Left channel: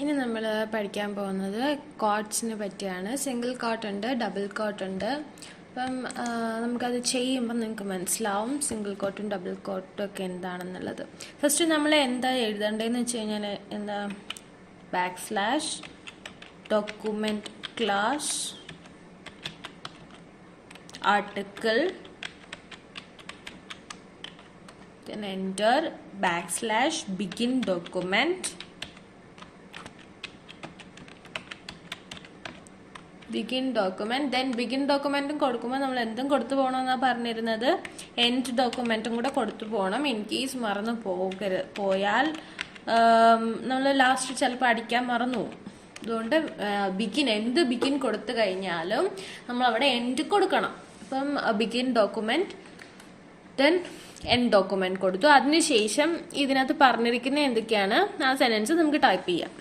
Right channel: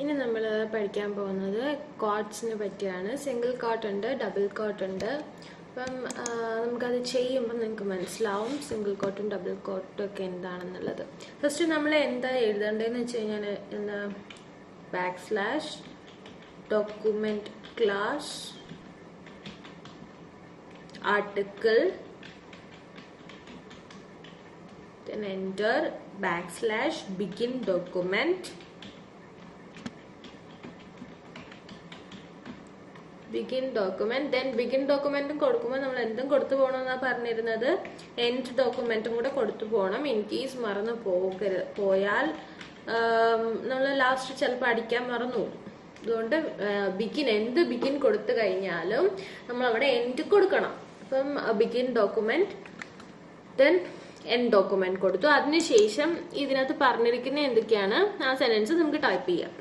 ഇനി നമ്മൾ പഠിക്കാൻ പോകുന്നത് കോട്ട്സിനെ പറ്റിയാണ്. സിംഗിൾ കോട്ട് ഉണ്ട്, ഡബിൾ കോട്ട് ഉണ്ട്. അപ്പം നമുക്കത് ചെയ്യുമ്പോൾ നിങ്ങൾക്ക് മനസ്സിലാവും സിംഗിൾ കോട്ടും ഡബിൾ കോട്ടും ഒക്കെ എന്താണെന്നുള്ളത്. ഫസ്റ്റ് നമ്മൾ എന്താ എഴുതേണ്ടതെന്ന് വെച്ച് കഴിഞ്ഞാൽ എന്താ \, document class, article, then enter \, begin document, then begin documentum കൊടുക്കുമ്പോൾ നമ്മൾ എന്തും കൊടുത്തു പോകണമെന്നാണ് പറഞ്ഞിരുന്നത്, എൻഡ് ഡോക്യുമെന്റും കൂടെ കൊടുത്തു പോകണം. ഇൻ കേസ് മറന്നു പോയാൽ നമ്മൾ ലാസ്റ്റ് ചിലപ്പോൾ അടിക്കാൻ മറന്നു പോകും. അതുകൊണ്ട് എന്ത് ബിഗിൻ കൊടുത്തു കഴിഞ്ഞാലും നമ്മൾ അവിടെ എൻഡ് കൊടുക്കണം. അപ്പം begin document, then end document കൊടുത്തു. അതിനുശേഷം ഇതിനകത്ത് പറഞ്ഞിരിക്കുന്ന എന്തൊക്കെയാണ് ആ സെന്റൻസ് നമുക്ക് ടൈപ്പ് ചെയ്യാം.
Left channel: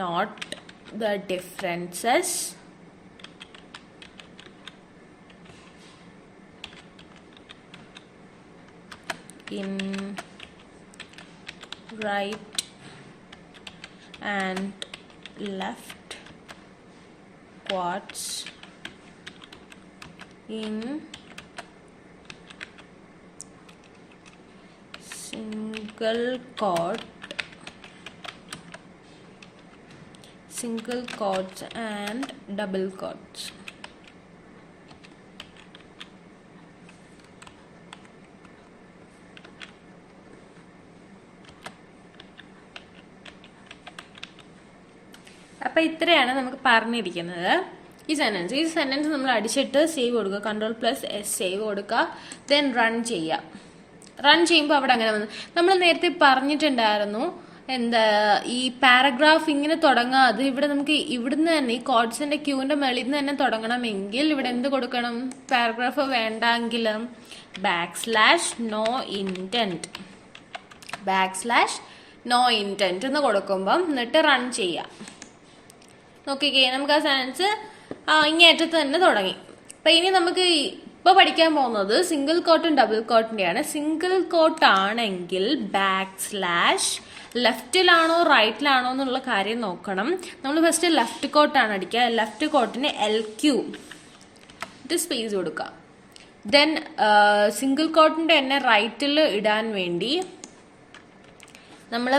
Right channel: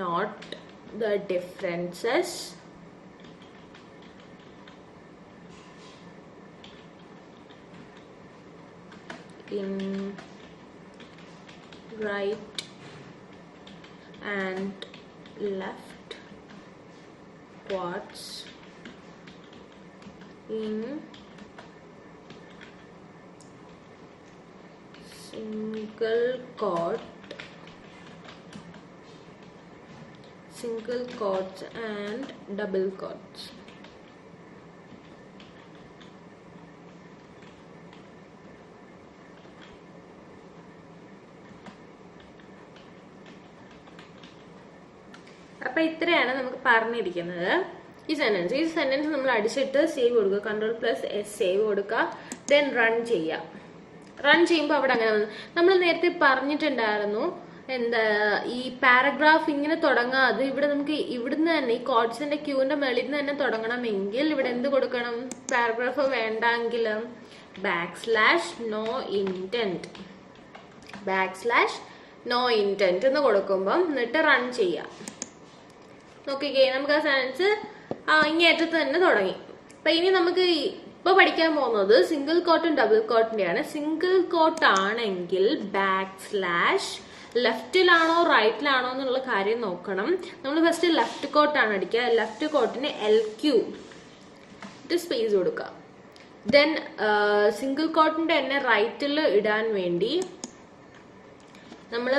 Not the differences in right and left quotes in single quotes and double quotes. അപ്പോൾ ഇത്രയാണ് നമുക്ക് പറഞ്ഞിരിക്കുന്നത് ഈ സെന്റൻസ് നമ്മൾ അടിച്ചിട്ട് സേവ് കൊടുക്കുക, Ctrl+S സേവ് കൊടുക്കുക, ദെൻ റൺ ചെയ്യുക. റൺ ചെയ്യുമ്പോൾ അവിടെ അങ്ങനെ വന്നു. നമ്മൾ നേരത്തെ പറഞ്ഞിട്ടുണ്ടായിരുന്നു എന്താ ഈ പാരഗ്രാഫ് ഇങ്ങനെ തുടങ്ങാതെ ഇവിടെ നമുക്ക് ഇവിടുന്ന് തന്നെ ഈ കോഡ്സിന്റെ ക്യൂവിന്റെ മേളിൽ നിന്ന് തന്നെ തുടങ്ങണമെങ്കിൽ ഇവിടെ എന്ത് കൊടുക്കണം? പാരഗ്രാഫ് വേണ്ടെങ്കിലും \no intent എന്ന് കൊടുക്കുമ്പം എന്നിട്ട് റൺ ചെയ്യാം. നോക്കിക്കേ, നമുക്ക് ആ സെന്റൻസ് ഇങ്ങേറ്റത്ത് തന്നെ തുടങ്ങി. അപ്പൊ ഇനി നമുക്ക് ഇപ്പൊ പഠിക്കാൻ പോകുന്നത് സിംഗിൾ കോട്ടും ഡബിൾ കോട്ടിന്റെയാണ്. സിംഗിൾ കോട്ട് ആണെങ്കിൽ \, ലെഫ്റ്റിലാണോ റൈറ്റിലാണോ എന്നുള്ള കാര്യം നോക്കണം. നമ്മൾ ഫസ്റ്റ് ലെഫ്റ്റ് കോട്ടാണ് അടിക്കുക. ലെഫ്റ്റ് കോട്ടിന് LQ സ്പേസ് കൊടുക്കുക. ദെൻ സിംഗിൾ കോട്ടിന്റെ തന്നെ റൈറ്റിൽ ഇടാൻ വേണ്ടി നമ്മൾ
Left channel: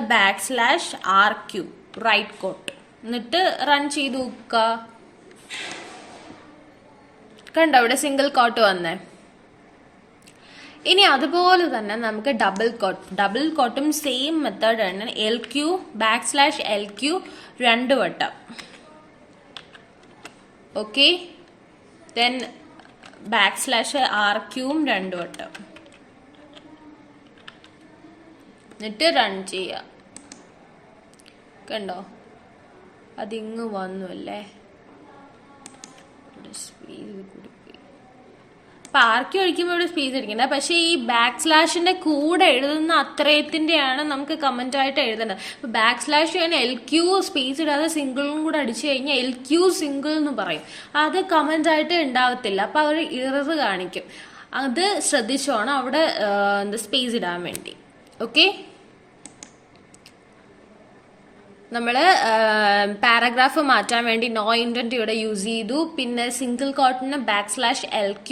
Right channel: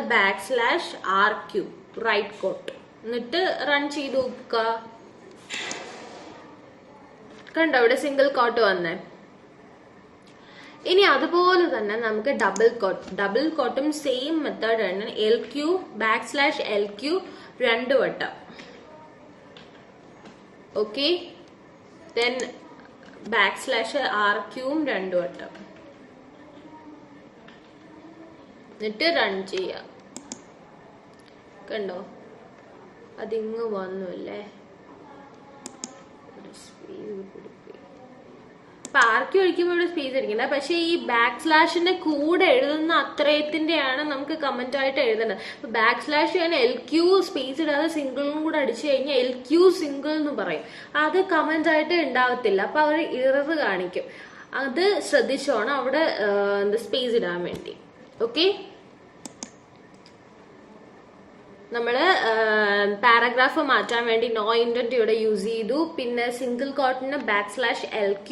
\RQ റൈറ്റ് കോട്ട് എന്നിട്ട് റൺ ചെയ്ത് നോക്കുക. കണ്ടോ ഇവിടെ സിംഗിൾ കോട്ട് വന്നേ. ഇനി അതുപോലെ തന്നെ നമുക്ക് ഡബിൾ കോട്ടും സെയിം മെത്തേഡ് ആണ്. LQ \LQ 2 വട്ടം. ഓക്കെ, ദെൻ \RQ 2 വട്ടം എന്നിട്ട് റൺ ചെയ്യാം. കണ്ടോ അതിങ്ങ് വന്നു അല്ലേ. അപ്പൊ ആർക്കി ഒഴിക്കുമ്പോൾ ഇവിടെ സ്പേസ് ഇരിക്കണ്ട. പക്ഷെ ഈ \ന്റെ കൂടെ എഴുതുന്ന അത്രയത്തിന്റെയാണ് നമുക്ക് കമന്റ് ആയിട്ട് എഴുതേണ്ടത്. \, LQ സ്പേസ് ഇടാതെ സിംഗിളും കൂടെ അടിച്ചു കഴിഞ്ഞാൽ LQ സിംഗിൾ എന്ന് പറയും. അത് കമന്റ് ആയിട്ട് ഉണ്ടാവത്തില്ല. അപ്പൊ അവർ ഇറർ കാണിക്കും. അത് ശ്രദ്ധിച്ചോണം അവിടെ സ്പേസ് ഇടാൻ വേണ്ടി. ഓക്കെ, നമ്മള് പാരഗ്രാഫ് മാറ്റാൻ വേണ്ടി നോ ഇൻഡന്റ് ഇവിടെ യൂസ് ചെയ്തു. പിന്നെ സിംഗിൾ കോട്ടിന് \LQ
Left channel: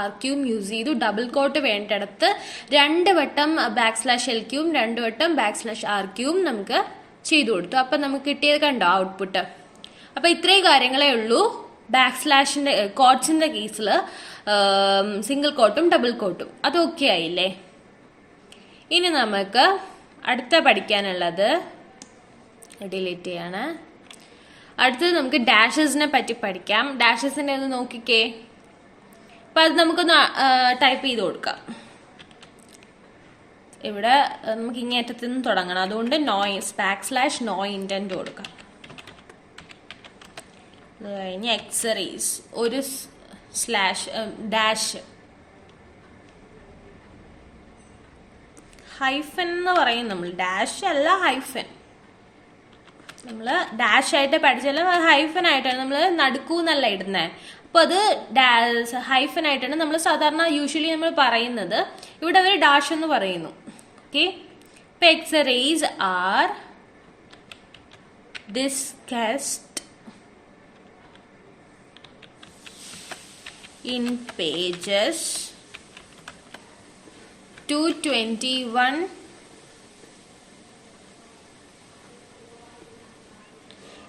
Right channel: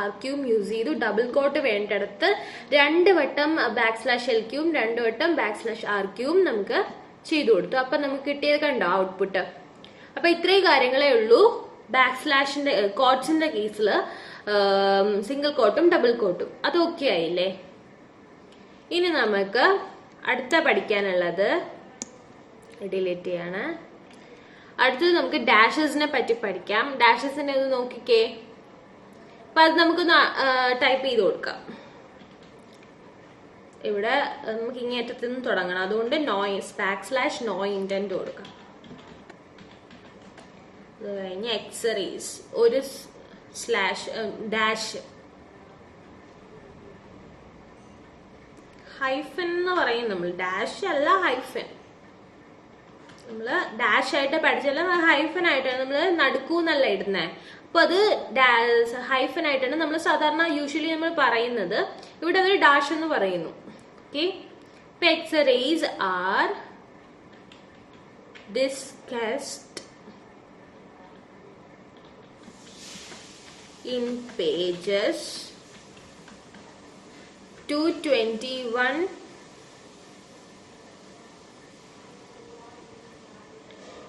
\RQ യൂസ് ചെയ്തു. ഡബിൾ കോട്ട് വേണ്ടിടത്ത് 2 വട്ടം \LQ 2 വട്ടം \RQ നമുക്ക് ചെയ്തു കൊടുത്തു. അപ്പൊ നമുക്ക് കിട്ടിയത് കണ്ടോ ഔട്ട്പുട്ട്. അപ്പൊ ഇത്രയും കാര്യങ്ങളേ ഉള്ളൂ \ന്റെ കോട്ട്സിന്റെ കേസിൽ. സിംഗിൾ കോട്ടും ഡബിൾ കോട്ടും അത് ഓക്കെ ആയില്ലേ. ഇനി നമുക്ക് അടുത്ത പഠിക്കാനുള്ളത് ഡിലീറ്റ് ചെയ്യാണ്. അടുത്തത് നമുക്ക് ഡാഷസിനെ പറ്റി പഠിക്കാം. ഡാഷസിനെ ഒന്ന് നോക്കിക്കേ. അപ്പൊ അത് നമുക്കൊന്ന് ടൈപ്പ് ചെയ്ത് കൊടുക്കാം. ഇവിടെ നമുക്ക് ഇങ്ങേറ്റത്ത് നിന്ന് തുടങ്ങണം. അതുകൊണ്ട് \no intent കൊടുക്കാം. അത് കഴിഞ്ഞ് എക്സറീസ് ഒരു ഡാഷ് ഹൈഫൻ എന്ന് പറയും നമ്മൾ. ഡാഷ് അല്ല ഹൈഫൻ. നമ്മൾ ഡാഷ് ആയിട്ട് പഠിച്ചാൽ ഹൈഫൻ ആയിട്ടാണ് നമ്മൾ നടുക്കൂന്നല്ല ഇടുന്നത്. അപ്പോൾ അത് ഹൈഫൻ ആയിട്ടാണ് നമ്മൾ സാധാരണ യൂഷ്വലി നമ്മൾ പറയുന്നത്. ഇവിടെ ഒരു ഡാഷ് എന്ന് പറയുന്നു. ഓക്കെ, ഇപ്പൊ exercises are discussed in pages 221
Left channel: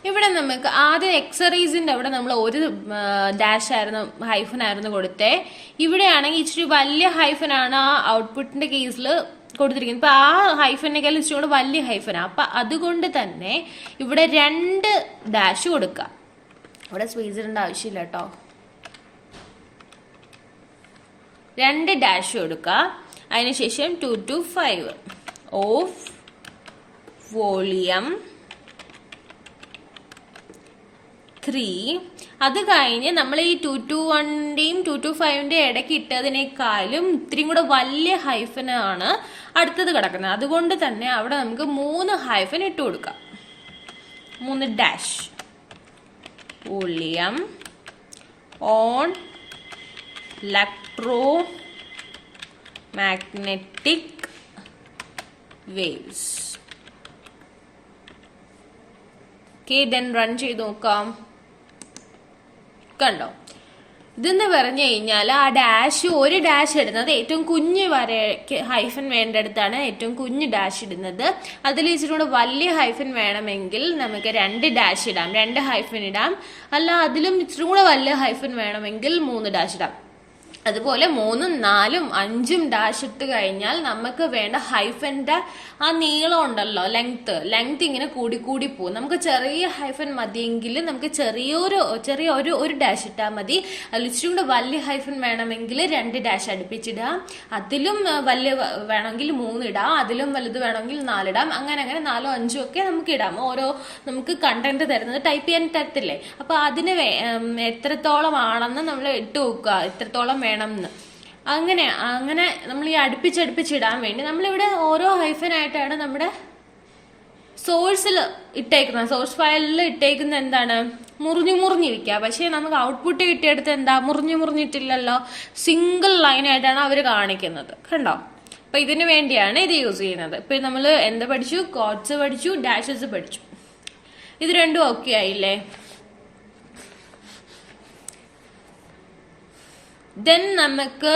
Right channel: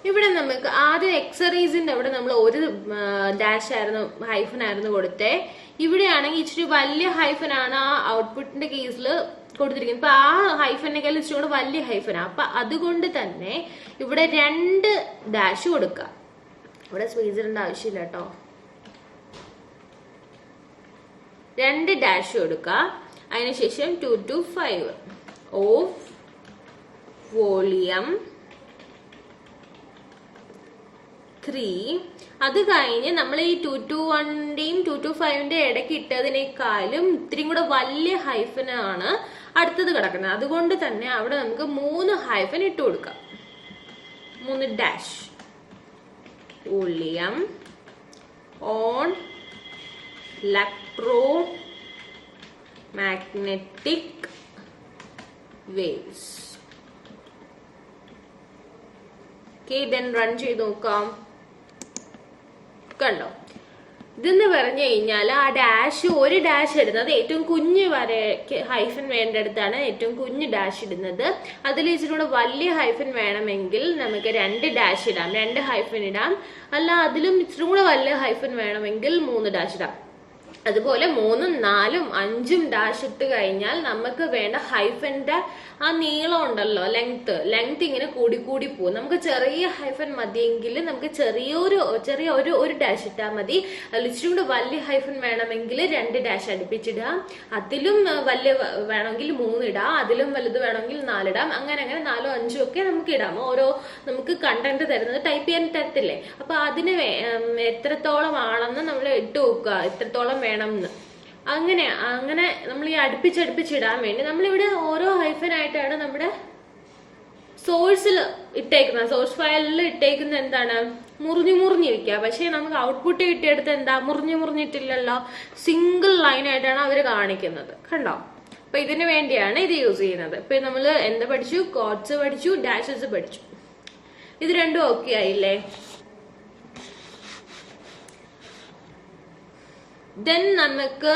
ഇവിടെ നമുക്ക് ആദ്യം എക്സറീസിന്റെ അവിടെ നമ്മൾ ഒരു ഡാഷ് ആയിരുന്നു ഹൈഫൻ ആയിരുന്നു കൊടുത്തേ. ഇവിടെയാണെങ്കിൽ ഇച്ചിരി വലിയ ഹൈഫൻ ആണ് ആ ഔട്ട്പുട്ടിന്റെ കേസിൽ കൊടുത്തിരിക്കുന്നത്. ഇപ്പൊ ആ ഹൈഫനേക്കാൾ ഇച്ചിരി കൂടെ വലിയ ഹൈഫനാ. അപ്പൊ അതുകൊണ്ട് തന്നെ ഇവിടെ 2 ഡാഷ് കൊടുക്കുക. ഇവിടെ സ്പേസ് ഇടേണ്ട ആവശ്യമില്ല കേട്ടോ. 2 ഡാഷ് കൊടുക്കുക. അതിനുശേഷം 2 to 5 ഓഫ് വോളിയം 3. അത് കഴിഞ്ഞ് നമ്മൾ ഈ 2 to 1ന്റെയും 2 to 5ന്റെയും ഇടയ്ക്ക് ഇട്ടതിനേക്കാളും ഇത്രയും കൂടെ വലിയ ഹൈഫനാണ് അടുത്തത് കിടക്കുന്നത്. അതുകൊണ്ട് തന്നെ അവിടെ നമുക്ക് 3 ഹൈഫൻ ഇട്ട് കൊടുക്കാം. 3 dash volume on electro magnetic waves. Okay, then run ചെയ്ത് നോക്കാം. കണ്ടോ, ഇതെന്ന് പറഞ്ഞു കഴിഞ്ഞാൽ ആ ഡാഷ് ഒരു ഡാഷ് ഇടുന്നത് ഏറ്റവും കുഞ്ഞ് വര ഹൈഫൻ വേണ്ടടുത്താണ് ഏറ്റവും കുഞ്ഞ് ഡാഷ് ഇടുന്നത്. അതിൽ ഇച്ചിരി കൂടെ വലിയ ഹൈഫൻ വേണമെങ്കിൽ നമുക്ക് 2 ഡാഷ് ഇടാം, 2 ഹൈഫൻ ഇടാം. അല്ല അതിലും ഇച്ചിരി കൂടെ വലിയ ഹൈഫൻ വേണമെങ്കിൽ 3 ഡാഷ് ഇടാം. അതുപോലെ 3, 4, 5 ഡാഷ് ഇട്ട് കഴിഞ്ഞാൽ നമുക്ക് വേണ്ട ഹൈഫന്റെ ആ നീളം ഉണ്ടല്ലോ, ലെങ്ത് ഇങ്ങനെ കൂടി പോകും. നമുക്ക് ചെറിയ ഹൈഫൻ മതിയെങ്കിൽ നമുക്ക് ചെറിയ ഒരു ഡാഷ് ഇട്ടാൽ മതി. അതിൽ ഇച്ചിരി കൂടെ വലിയ ഹൈഫൻ വേണമെങ്കിൽ 2 ഡാഷ് അടുപ്പിച്ചിടാം. അതിലും വലിയ വേണമെങ്കിൽ 3 ഇടാം. അതിലും വലുത് വേണമെങ്കിൽ 4 ഇടാം. അങ്ങനെ 4, 5 ഒക്കെ നമുക്ക് ഇടാം. ഓരോ നമുക്ക് കണ്ടന്റ് തരുന്നത് ടൈപ്പ് ചെയ്യാൻ തരത്തില്ലേ. അപ്പൊ അതിന് എത്രത്തോളം ആണെന്ന് നമ്മൾ ഇട്ട് നോക്കുക, എത്രത്തോളം വേണം എന്ന്. അങ്ങനെ നമ്മൾ ഈ അടുപ്പിച്ചിടാൻ വേണ്ടി നമ്മളിവിടെ ഓരോ ഹൈഫനായിട്ടാണ് നമ്മുടെ സോഴ്സിൽ ഇട്ടേക്കുന്നത്. സോഴ്സ് ഫയലിൽ ഇട്ടേക്കുന്ന എന്താണ്, മുറിഞ്ഞിരിക്കുക. പക്ഷെ നമുക്ക് ഔട്ട്പുട്ട് കിട്ടിയെടുത്ത് എന്താ, മുറിഞ്ഞിട്ടില്ലല്ലോ, സിംഗിൾ ലൈനായിട്ടാണ് അവർ കാണിക്കുന്നത്. കണ്ടോ, അപ്പൊ ഇതിനു വേണ്ടിയാണ് ഇത് യൂസ് ചെയ്യുന്നത്. ഇപ്പൊ നമ്മൾ എന്താ പഠിച്ചു, കോഡ്സ് പഠിച്ചു, ഡാഷസ് പഠിച്ചു. ഇത് രണ്ടും ഓക്കെ ആയില്ലേ? ദെൻ നമുക്ക്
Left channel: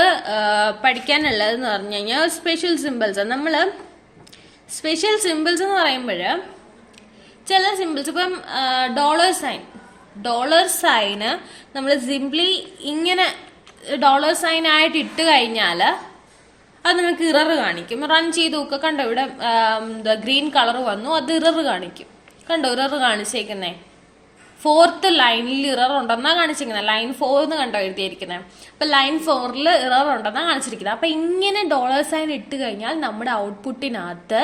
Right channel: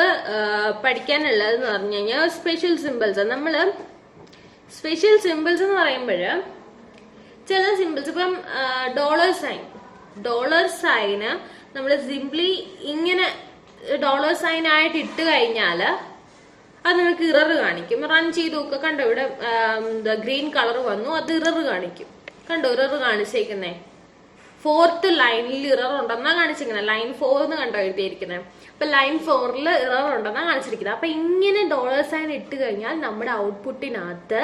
പഠിക്കാനുള്ളതെന്ന് പറഞ്ഞു കഴിഞ്ഞാൽ സ്പെഷ്യൽ സിമ്പിൾസ്. നമ്മൾ സ്പെഷ്യൽ സിമ്പിൾസ് എന്ന് പറയുമ്പോൾ ചില സിമ്പിൾസ്, ഇപ്പം ഡോളർ സൈന് നമ്മൾ സിംപ്ലി ഇങ്ങനെ ഡോളർ സൈൻ ആയിട്ട് ഇട്ട് കഴിഞ്ഞാൽ അത് നമുക്ക് ഇറർ കാണിക്കും. റൺ ചെയ്ത് നോക്കുക. കണ്ടോ, ഇവിടെ ഗ്രീൻ കളർ വന്നു, അത് ഇറർ കാണിക്കും. കണ്ടോ, ഇറർ കാണിച്ചേക്കുന്നേ 4th ലൈനിൽ ഇറർ ഉണ്ടെന്നാ കാണിച്ചിരിക്കുന്നത്. ലൈൻ 4 എന്ന് കണ്ടോ എഴുതിയിരിക്കുന്നത്. അപ്പൊ ലൈൻ 4ൽ ഇറർ ഉണ്ടെന്നാ കാണിച്ചിരിക്കുന്നത്. അപ്പൊ ഇങ്ങനെ ഡോളർ സൈൻ ഇട്ട് കഴിഞ്ഞാൽ നമ്മുടെ ഔട്ട്പുട്ടിനകത്ത്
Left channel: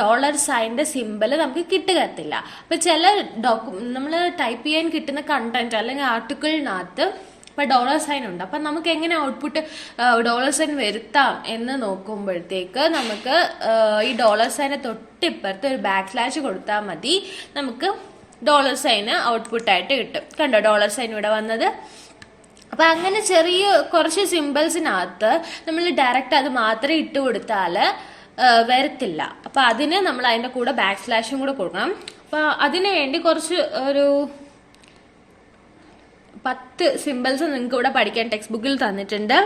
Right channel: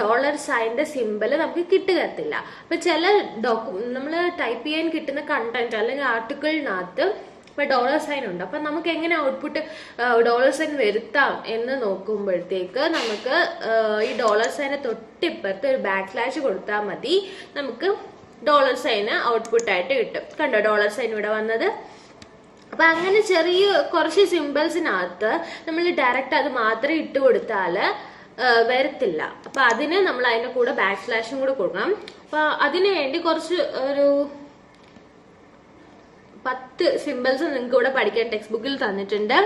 ഡോളർ സൈനിന്റെ സിമ്പിൾ നമുക്ക് കിട്ടുകത്തില്ല. അപ്പൊ ചില നമ്മൾ ടൈപ്പ് ചെയ്യാൻ കിട്ടുന്ന കണ്ടന്റ് അല്ലെങ്കിൽ ആർട്ടിക്കിളിനകത്ത് ഇപ്പൊ ഡോളർ സൈൻ ഉണ്ട്. അപ്പൊ നമുക്ക് എങ്ങനെ ഔട്ട്പുട്ട് ഡോളർ സൈൻ വരുത്താം എന്ന് നോക്കുമ്പോഴത്തേക്ക് നമുക്ക് ഈ ഡോളർ സൈനെ തൊട്ടിപ്പുറത്ത് ഒരു / കൊടുത്താൽ മതി. നമുക്ക് ഡോളർ സൈന് ഔട്ട്പുട്ടായിട്ട് കിട്ടും. കണ്ടോ, ഡോളർ സൈൻ ഇവിടെ വന്നത്. അപ്പൊ അങ്ങനെ കുറച്ച് സിമ്പിൾസിനകത്ത് നമ്മൾ ഡയറക്റ്റ് അത് മാത്രം ഇട്ട് കൊടുത്താൽ വരത്തില്ല. അപ്പൊ അതിന് നമ്മൾ അതിന്റെ കൂടെ / കൂടെ കൊടുക്കണം. അപ്പൊ അതിനു വേണ്ടി കുറച്ച് ഒരു 10 സിമ്പിൾസ് നിങ്ങൾക്ക് ഇവിടെ പഠിക്കാൻ ടെക്സ്റ്റ് ബുക്കിൽ തന്നിട്ടുണ്ട്.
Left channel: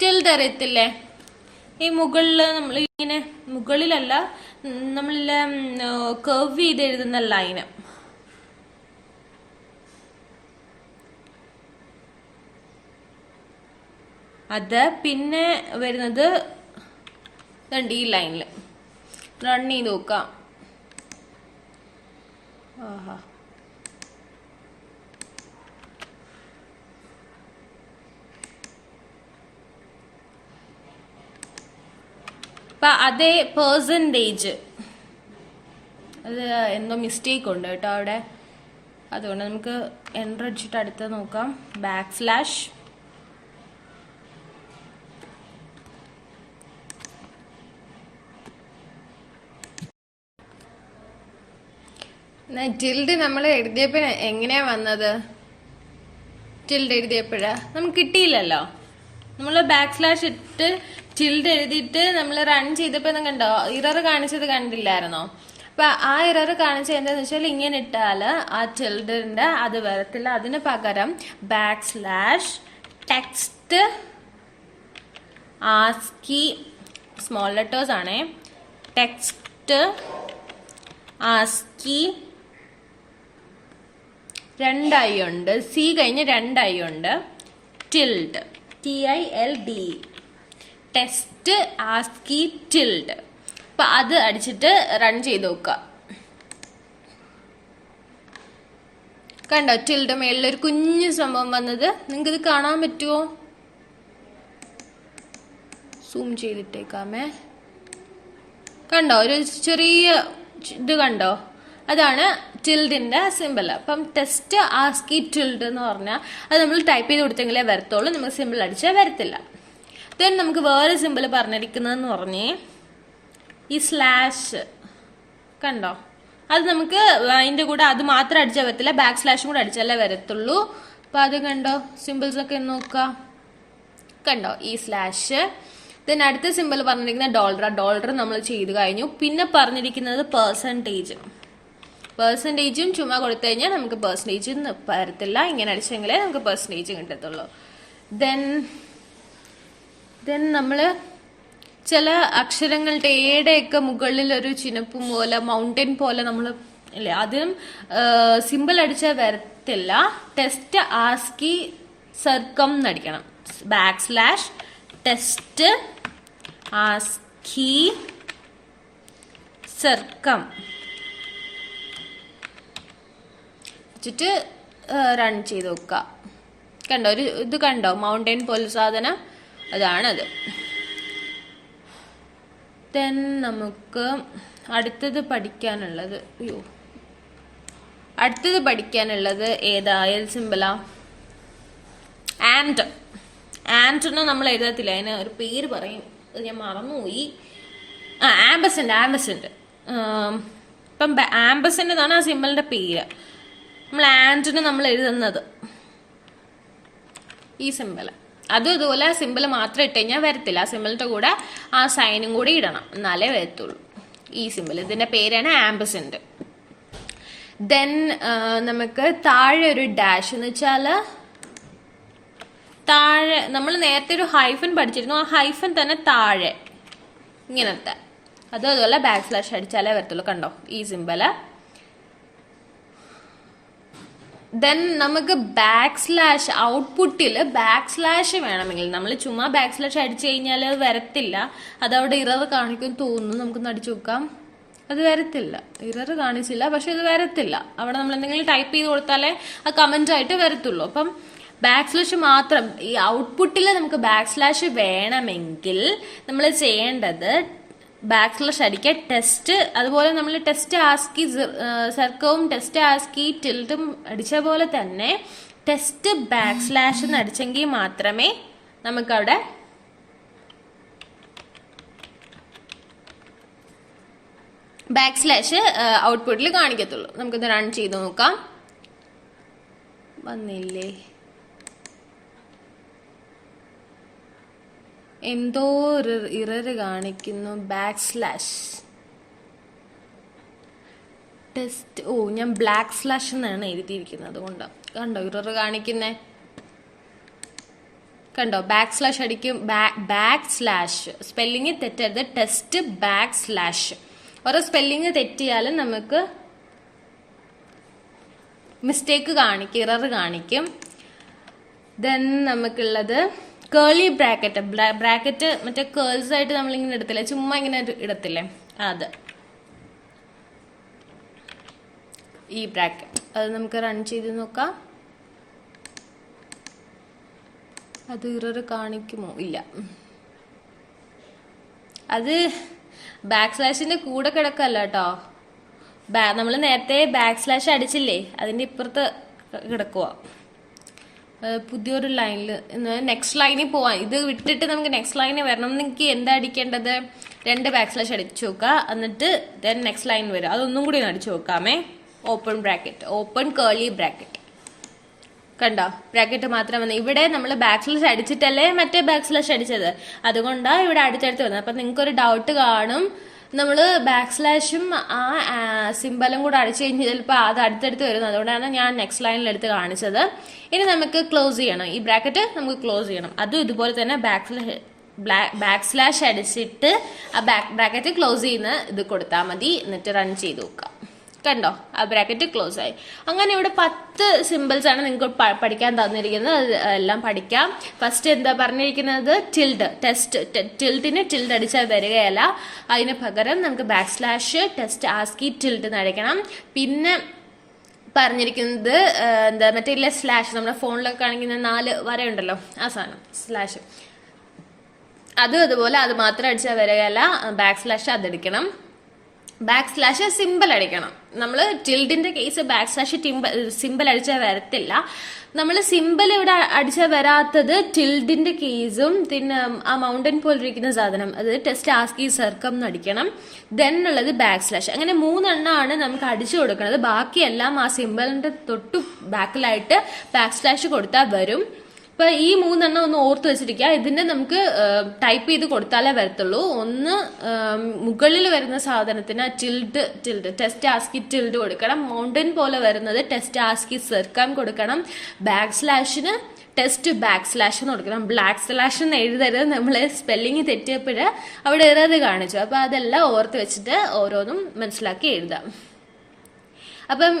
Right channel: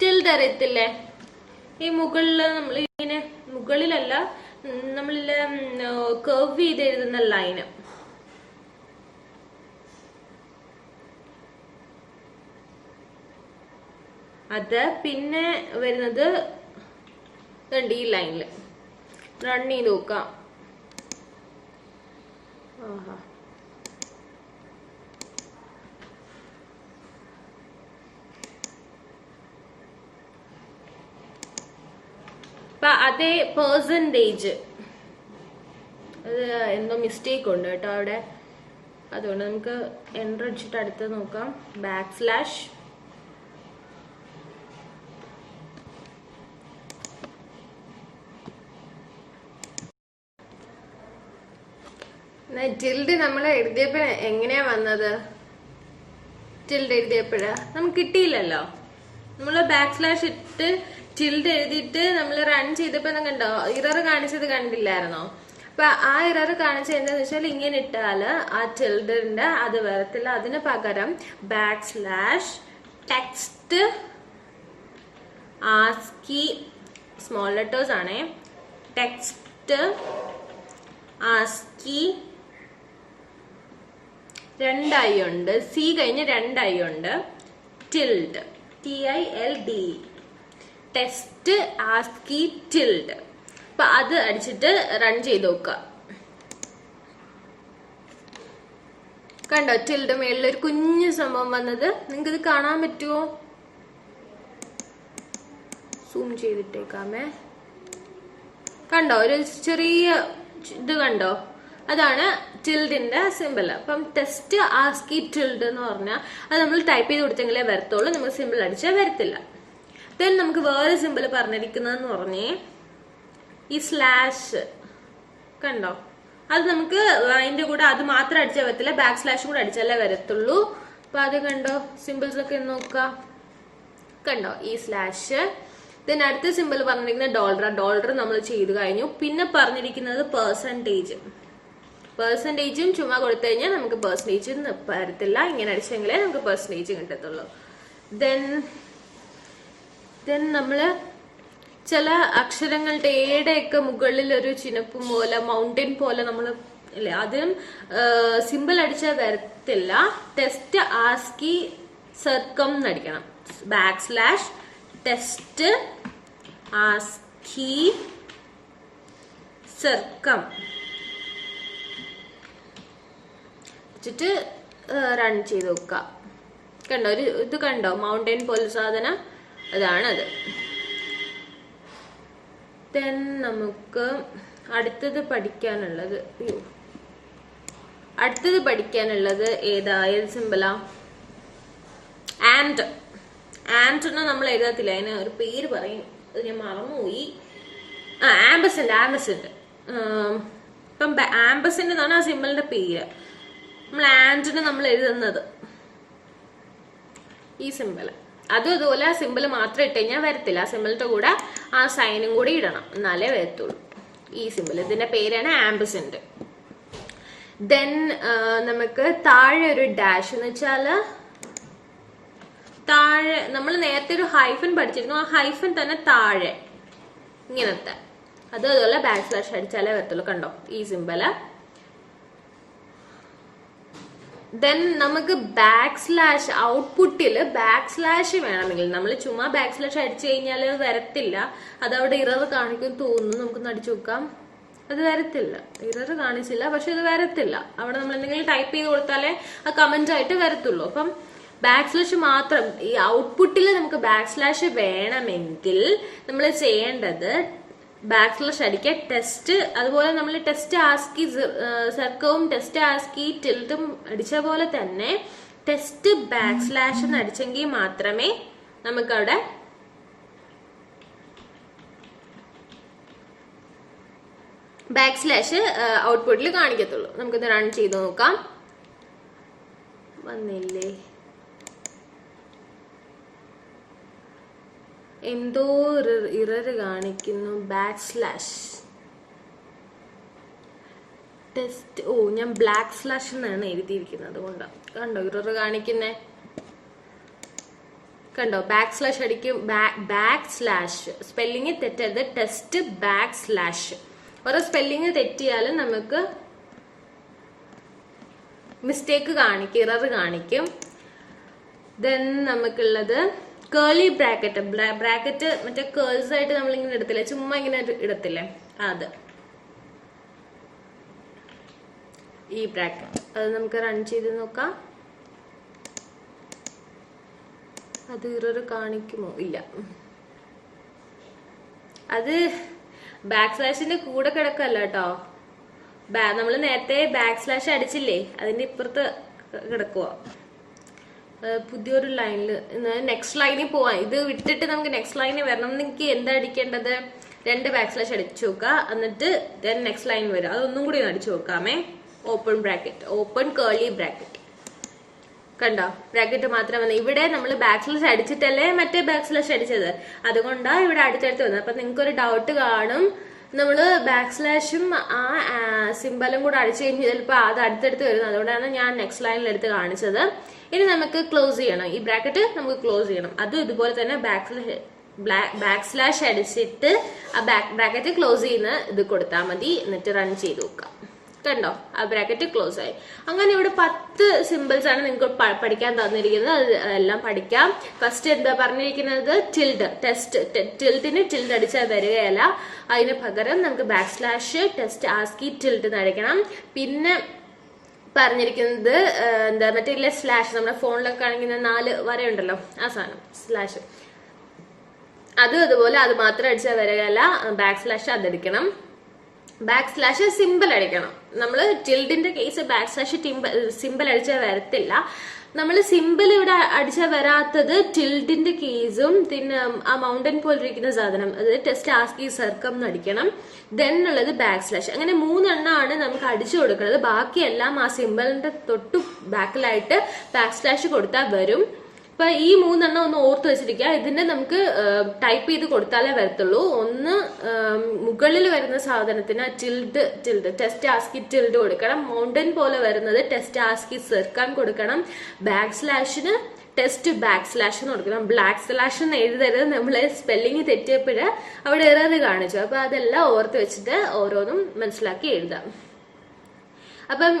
ടിൽഡ് അറിയത്തില്ലേ? ഈ മുകളില് നമ്മൾ ഇങ്ങനെ, മുകളിലല്ല, നമ്മളില്ല കർവ് ചെയ്ത് എഴുതുന്ന ലൈന്, അത് പിന്നെ വരുന്നത് ഈ ലൈനിൽ. റൺ ചെയ്ത് നോക്കാം. അതേ പെർസെൻറ്റേജ്, അത് എന്തോ മിസ്റ്റേക്ക് ഉണ്ട് കേട്ടോ അവിടെ. അതുകൊണ്ട് നമുക്ക് എൻ്റർ അടിച്ചിട്ട് അടുത്ത് നോക്കാം. \. ടിൽഡ് നമ്മൾ എഴുതിയപ്പോ എങ്ങനെയാ വന്നത്? ടിൽഡ് എഴുതിയപ്പോഴാ നമുക്ക് കിട്ടിയില്ലല്ലോ. നമ്മൾ ബാക്ക് സ്ലാഷ് ഇട്ട് ടിൽഡ് എഴുതിയിട്ട് നമ്മൾ റൺ ചെയ്തപ്പോ കണ്ടോ ഇറർ കാണിച്ചത് കണ്ടില്ലായിരുന്നോ? അപ്പൊ ആ ഇറർ കാണിച്ചത് എന്താന്ന് വെച്ചാൽ ഇങ്ങനെ ഇട്ടാല് ആ ടിൽഡിന്റെ അത് വരത്തില്ല. അതിന് പകരം back slash text ASCII small letters ആണേ, ടെക്സ്റ്റ് ആസ്കി 2 ഐ ഉണ്ട്, സി കഴിഞ്ഞ് 2 ഐ ഉണ്ട്, tilde TILD test ASCII tilde. അപ്പൊ അത് അടിച്ചിട്ട് റൺ ചെയ്ത് നോക്കുക. കണ്ടോ ടിൽഡ് മേളിലൊരു കുഞ്ഞു സംഭവം വന്നത്? നിങ്ങൾക്ക് ഇത് കാണാൻ പറ്റുമോ? സൂം ചെയ്തിട്ടേക്കാമേ. കണ്ടോ ഒരു ചെറിയ ഇത് കണ്ടോ? അതാണ് ടിൽഡിന്റെ സിമ്പിൾ. അപ്പം ടെസ്റ്റ് ആസ്കി ടിൽഡ് എന്ന് പറഞ്ഞാൽ അത് നമ്മൾ ടൈപ്പ് ചെയ്ത് കൊടുത്തെങ്കിലേ വരത്തുള്ളൂ, നമുക്ക് സിമ്പിൾ അടിച്ചാൽ വരത്തില്ല. ദെൻ നമുക്ക് വേറെ സിമ്പിൾ പറഞ്ഞിരിക്കുന്നതെന്ന് പറഞ്ഞേ ഈ സ്ലാഷ് കണ്ടോ, അത് നമുക്ക് അതിന്റെ കൂടെ അത് മാത്രം അടിച്ചാൽ വരത്തില്ല, ബാക്ക് സ്ലാഷും കൂടെ അടിച്ചാലേ വരത്തുള്ളൂ. അപ്പൊ അത് കണ്ടോ സിമ്പിൾസ് ഒക്കെ നോക്കുക. കണ്ടോ ഈ സ്ലാഷ്. ദെൻ അടുത്ത സിമ്പിൾ പറഞ്ഞിരിക്കുന്നത് ഡോളർ നമ്മൾ ചെയ്ത് കഴിഞ്ഞു. പിന്നെ പറഞ്ഞിരിക്കുന്നത് പെർസെൻറ്റേജും ചുമ്മാ കൊടുത്തു കഴിഞ്ഞാൽ നമുക്ക് പെർസെൻറ്റേജ് വരത്തില്ല, ഇങ്ങനെ അടിച്ചെങ്കിലേ നമുക്ക് പെർസെൻറ്റേജ് കിട്ടത്തുള്ളൂ. ദെൻ നമ്മള് ചില അക്ഷരങ്ങളുടെ ഏടെയൊക്കെ മുകളിൽ ഒരു ചിനപ്പും പോലെ മൗണ്ടൻ പോലെ നമ്മൾ അല്ലേ അതിനും സിമ്പിൾ അടിച്ചാൽ വരത്തില്ല. ടെസ്റ്റ് ആസ്കി സർക്കം എന്നടിക്കണം. Back slash test ascii circum വെച്ചിട്ട് റൺ ചെയ്ത് നോക്കുക. കണ്ടോ ഒരു ഇത് കണ്ടോ മൗണ്ടൻ പോലെ സാധനം, അതാണത്. ദെൻ നമുക്ക് അടുത്തത് പഠിക്കാനുള്ളത് ഏത് സിമ്പിളാ? ആൻഡ് നമ്മൾ എഴുതത്തില്ല, അതിന് ഒരു പേര് പറയും, അത് ഞാൻ മറന്നുപോയി. ആംബസെന്റ്. ഇപ്പം ആംബസെന്റ് എന്നാണ് ആ സിമ്പിളിന്റെ പേര്. നമ്മൾ ആൻഡിന് നമ്മൾ എഴുതുന്നത് ഈ സിമ്പിൾ. അതും ഇതുപോലെ ആ സിമ്പിൾ മാത്രം ഇട്ട് കഴിഞ്ഞാൽ വരത്തില്ല, ആ സിമ്പിളിന്റെ കൂടെ ആ സൈനും കൂടി ഇടണം, എന്നാലേ വരത്തുള്ളൂ ഈ സിമ്പിൾ. ഇതിന്റെ പേരാണ് ആംബസെന്റ്. ദെൻ നമുക്ക് താഴെ ഒരു ഡാഷ് എന്ന് വെച്ചാല് താഴെ നമ്മൾ നേരത്തെ ഒരു ഹൈഫൻ പഠിച്ചിരുന്നു, ആ ഹൈഫൻ തന്നെ താഴെ ഇങ്ങനത്തെ അതുപോലെ ബാക്ക് സ്ലാഷ് അടിച്ചാലേ വരത്തുള്ളൂ. കണ്ടോ ഈ സിമ്പിള്. ദെൻ നമുക്ക് ബാക്ക് സ്ലാഷ് ഔട്ട്പുട്ടിൽ ബാക്ക് സ്ലാഷ് വേണമെങ്കിൽ നമ്മൾ ചുമ്മാ ബാക്ക് സ്ലാഷ് അടിച്ചു കഴിഞ്ഞാൽ വരത്തില്ല, അതവിടെ ഇറർ കാണിക്കും തോന്നുന്നു. നമുക്കൊന്ന് അടിച്ചു നോക്കാം. അത് വരത്തില്ല, ഇറർ കാണിച്ചില്ല, പക്ഷെ ഇത് വരത്തില്ല. അവിടെ നമ്മൾ എന്തെങ്കിലും ടൈപ്പ് ചെയ്ത് കൊടുത്താലേ ആ കമന്റ് ആയിട്ട് വരത്തുള്ളൂ. അപ്പം ബാക്ക് സ്ലാഷ് മാത്രം ഈ ഔട്ട്പുട്ടിൽ നമുക്ക് ബാക്ക് സ്ലാഷ് വേണമെങ്കിൽ നമ്മൾ ചെയ്യേണ്ടത് ബാക്ക് സ്ലാഷ് അടിക്കുക, ടെസ്റ്റ്, അതുപോലെ നമ്മൾ ടെസ്റ്റ് ആസ്കി സർക്കവും ടെസ്റ്റ് ആസ്കി ടിൽഡും അടിച്ച പോലെ തന്നെ ടെസ്റ്റ് ബാക്ക് സ്ലാഷ് എന്ന് അടിച്ചെങ്കിൽ മാത്രമേ നമുക്കവിടെ ബാക്ക് സ്ലാഷ് ഔട്ട്പുട്ടിൽ കാണിക്കത്തുള്ളൂ. നമുക്കിത് റൺ ചെയ്ത് നോക്കാം. വന്നില്ലേ? എന്തോ ഇറർ കാണിക്കുന്നു. ബാക്ക് സ്ലാഷ് ടെസ്റ്റ്, ഞാൻ ബ്ലാക്ക് സ്ലാഷ് എന്നാണ് എഴുതിയിരിക്കുന്നത്, അതുകൊണ്ട് കണ്ടോ ഇറർ കാണിക്കുന്നേ. കണ്ടോ ബാക്ക് സ്ലാഷ് അടിക്കും, ബാക്ക് സ്ലാഷ് സ്പെല്ലിങ് തെറ്റരുത്, ടെസ്റ്റ് ബാക്ക് സ്ലാഷ്. ഓരോ സ്പെല്ലിങ് തെറ്റിയാലും നമുക്ക് മിസ്റ്റേക്ക് കാണിക്കും, ഇറർ കാണിക്കും. ദെൻ നമുക്കുള്ളത് കേളി ബ്രാക്കറ്റ് മറ്റേ കേൾസ് ആയിട്ട് നമ്മളിങ്ങനെ ഇടത്തില്ലേ, ചുമ്മാ ഇങ്ങനെ ഇടത്തില്ലേ, അത് ഈ ബ്രാക്കറ്റ്. അത് നമുക്ക് റൺ ചെയ്ത് നോക്കാം. അത് ഇറർ കാണിക്കുമോ? ഇല്ല, അത് ബാക്ക് സ്ലാഷിന്റെ കൂടെ കിടക്കല്ല കേട്ടോ. നമ്മൾ നേരത്തെ ബാക്ക് സ്ലാഷ് അടിച്ചില്ലേ, അതിന്റെ ഇപ്പുറത്ത് കിടക്കുക. പുതിയൊരു ലൈനിൽ നെക്സ്റ്റ് ലൈനിൽ പോവാൻ, ഇത് വിട്ടിട്ട് നമുക്ക് നെക്സ്റ്റ് ലൈനിൽ വരണം. എനിക്ക് എന്താ അടിക്കേണ്ടത്? 2 ബാക്ക് സ്ലാഷ് അടിച്ചു നോക്കുക, എന്നിട്ട് ദെൻ നെക്സ്റ്റ് ലൈൻ വരും. അതൊന്നും കൂടി അടിച്ചു നോക്കാമേ. Open bracket, open curly bracket. കണ്ടോ, ബ്രാക്കറ്റ് മാത്രം വന്നത്. ഇവിടെ നമ്മൾ ബാക്ക് സ്ലാഷ് അടിച്ചിട്ടല്ലേ മറ്റേ ബാക്ക് സ്ലാഷ് അടിച്ചത്, അതുകൊണ്ടാണ് ഇവിടെ അടുത്തടുത്ത് വന്നത്. അപ്പൊ നിങ്ങൾക്ക് ഒരു ഡൗട്ട് കാണും, നമ്മൾ ബാക്ക് സ്ലാഷും ആ സിമ്പലും കൂടെ അടിച്ചു കഴിഞ്ഞാൽ ചിലപ്പോൾ അത് അടുത്തടുത്ത് വരുന്നത്. അതുകൊണ്ടാണ് ഞാൻ നെക്സ്റ്റ് ലൈനിൽ എടുത്ത് കാണിച്ചത്. ഇനി നമുക്ക് ക്ലോസ് ചെയ്യണം, ഈ ബ്രാക്കറ്റ് നമുക്ക് ക്ലോസ് ചെയ്യണം. അതും ഇതുപോലെ തന്നെ ബാക്ക് സ്ലാഷ് അടിച്ചിട്ട് ആ ബ്രാക്കറ്റ് ക്ലോസ് ചെയ്യുന്ന ഇത് കൊടുത്താൽ മതി. എന്നിട്ട് റൺ ചെയ്ത് നോക്കാം. കണ്ടോ, ആ ബ്രാക്കറ്റ് ക്ലോസ് ആയി. അങ്ങനെ ഇവിടെ 10 സിമ്പിൾസ് ആണ് നിങ്ങൾക്ക് പഠിക്കാൻ തന്നിരിക്കുന്നത്. അത് എല്ലാം പഠിക്കാം. ഫസ്റ്റ് എന്താ പറഞ്ഞിരിക്കുന്നത്, ടിൽഡ്. ടിൽഡിന് ടിൽഡ് അടിച്ചാൽ വരികയല്ല, അതിന് പകരം നമുക്ക് back slash test ASCII tilde അടിക്കണം. പിന്നെ പറഞ്ഞിരിക്കുന്നത് എന്താ, മറ്റേ സ്ലാഷ് നമ്മുടെ ഫോണിലൊക്കെ കാണിക്കുന്ന 4 വരയുണ്ടല്ലോ, ആ സാധനം സ്ലാഷ്, അതുപോലെ അത് മാത്രം അടിച്ചാൽ വരികയല്ല, ബാക്ക് സ്ലാഷ് അതെടുക്കണം. ബാക്ക് സ്ലാഷ് സിമ്പിൾ അടിക്കണം. നമ്മൾ ടിൽഡിന്റെ കേസ് ബാക്ക് സ്ലാഷ് സിമ്പിൾ അടിച്ചാൽ വരത്തില്ല. നമ്മൾ സിമ്പിൾ ഇവിടെ അടിച്ചാൽ വരാത്തത് ടിൽഡിന്റെ കേസും പിന്നെ ആ മൗണ്ടൻ പോലിരിക്കുന്ന സാധനം, അത് ടെസ്റ്റ് ആസ്കി സർക്കം അടിക്കണം. ദെൻ ഉള്ളത് ബാക്ക് സ്ലാഷ്. അങ്ങനെ 3 എണ്ണമാണ് നമുക്ക് അടിച്ചു കൊടുക്കുന്നത്. ബാക്കിയെല്ലാം ആ സിമ്പിളിന്റെ തൊട്ടു ബാക്കിലായിട്ട് ബാക്ക് സ്ലാഷ് കൊടുത്താൽ വരും. അപ്പൊ ഈ 3 എണ്ണം ഒന്ന് ഓർത്ത് വെച്ചിരിക്കുക. ഇതിന്റെ നമുക്ക് ടൈപ്പ് ചെയ്ത് കൊടുത്താലേ വരത്തുള്ളൂ. ഒന്ന് മുകളിൽ വരുന്ന സാധനത്തിന് ടിൽഡ് ടെസ്റ്റ് ആസ്കി ടിൽഡ് കൊടുക്കണം. മൗണ്ടൻ പോലെ വരുന്നത് ടെസ്റ്റ് ആസ്കി സർക്കം കൊടുക്കണം. ബാക്ക് സ്ലാഷിന് ടെസ്റ്റ് ബാക്ക് സ്ലാഷ് എന്ന് കൊടുക്കണം. ബ്ലാക്ക് സ്ലാഷ് എന്ന് എഴുതരുത്, നമ്മൾ സ്പെല്ലിങ് തെറ്റിയപ്പോഴ് അവിടെ എറർ കാണിച്ചു. അപ്പൊ അതെല്ലാം ഓർത്ത് വെച്ചിട്ട് ഓരോന്നും മനസ്സിലാക്കി എഴുതാം. അപ്പം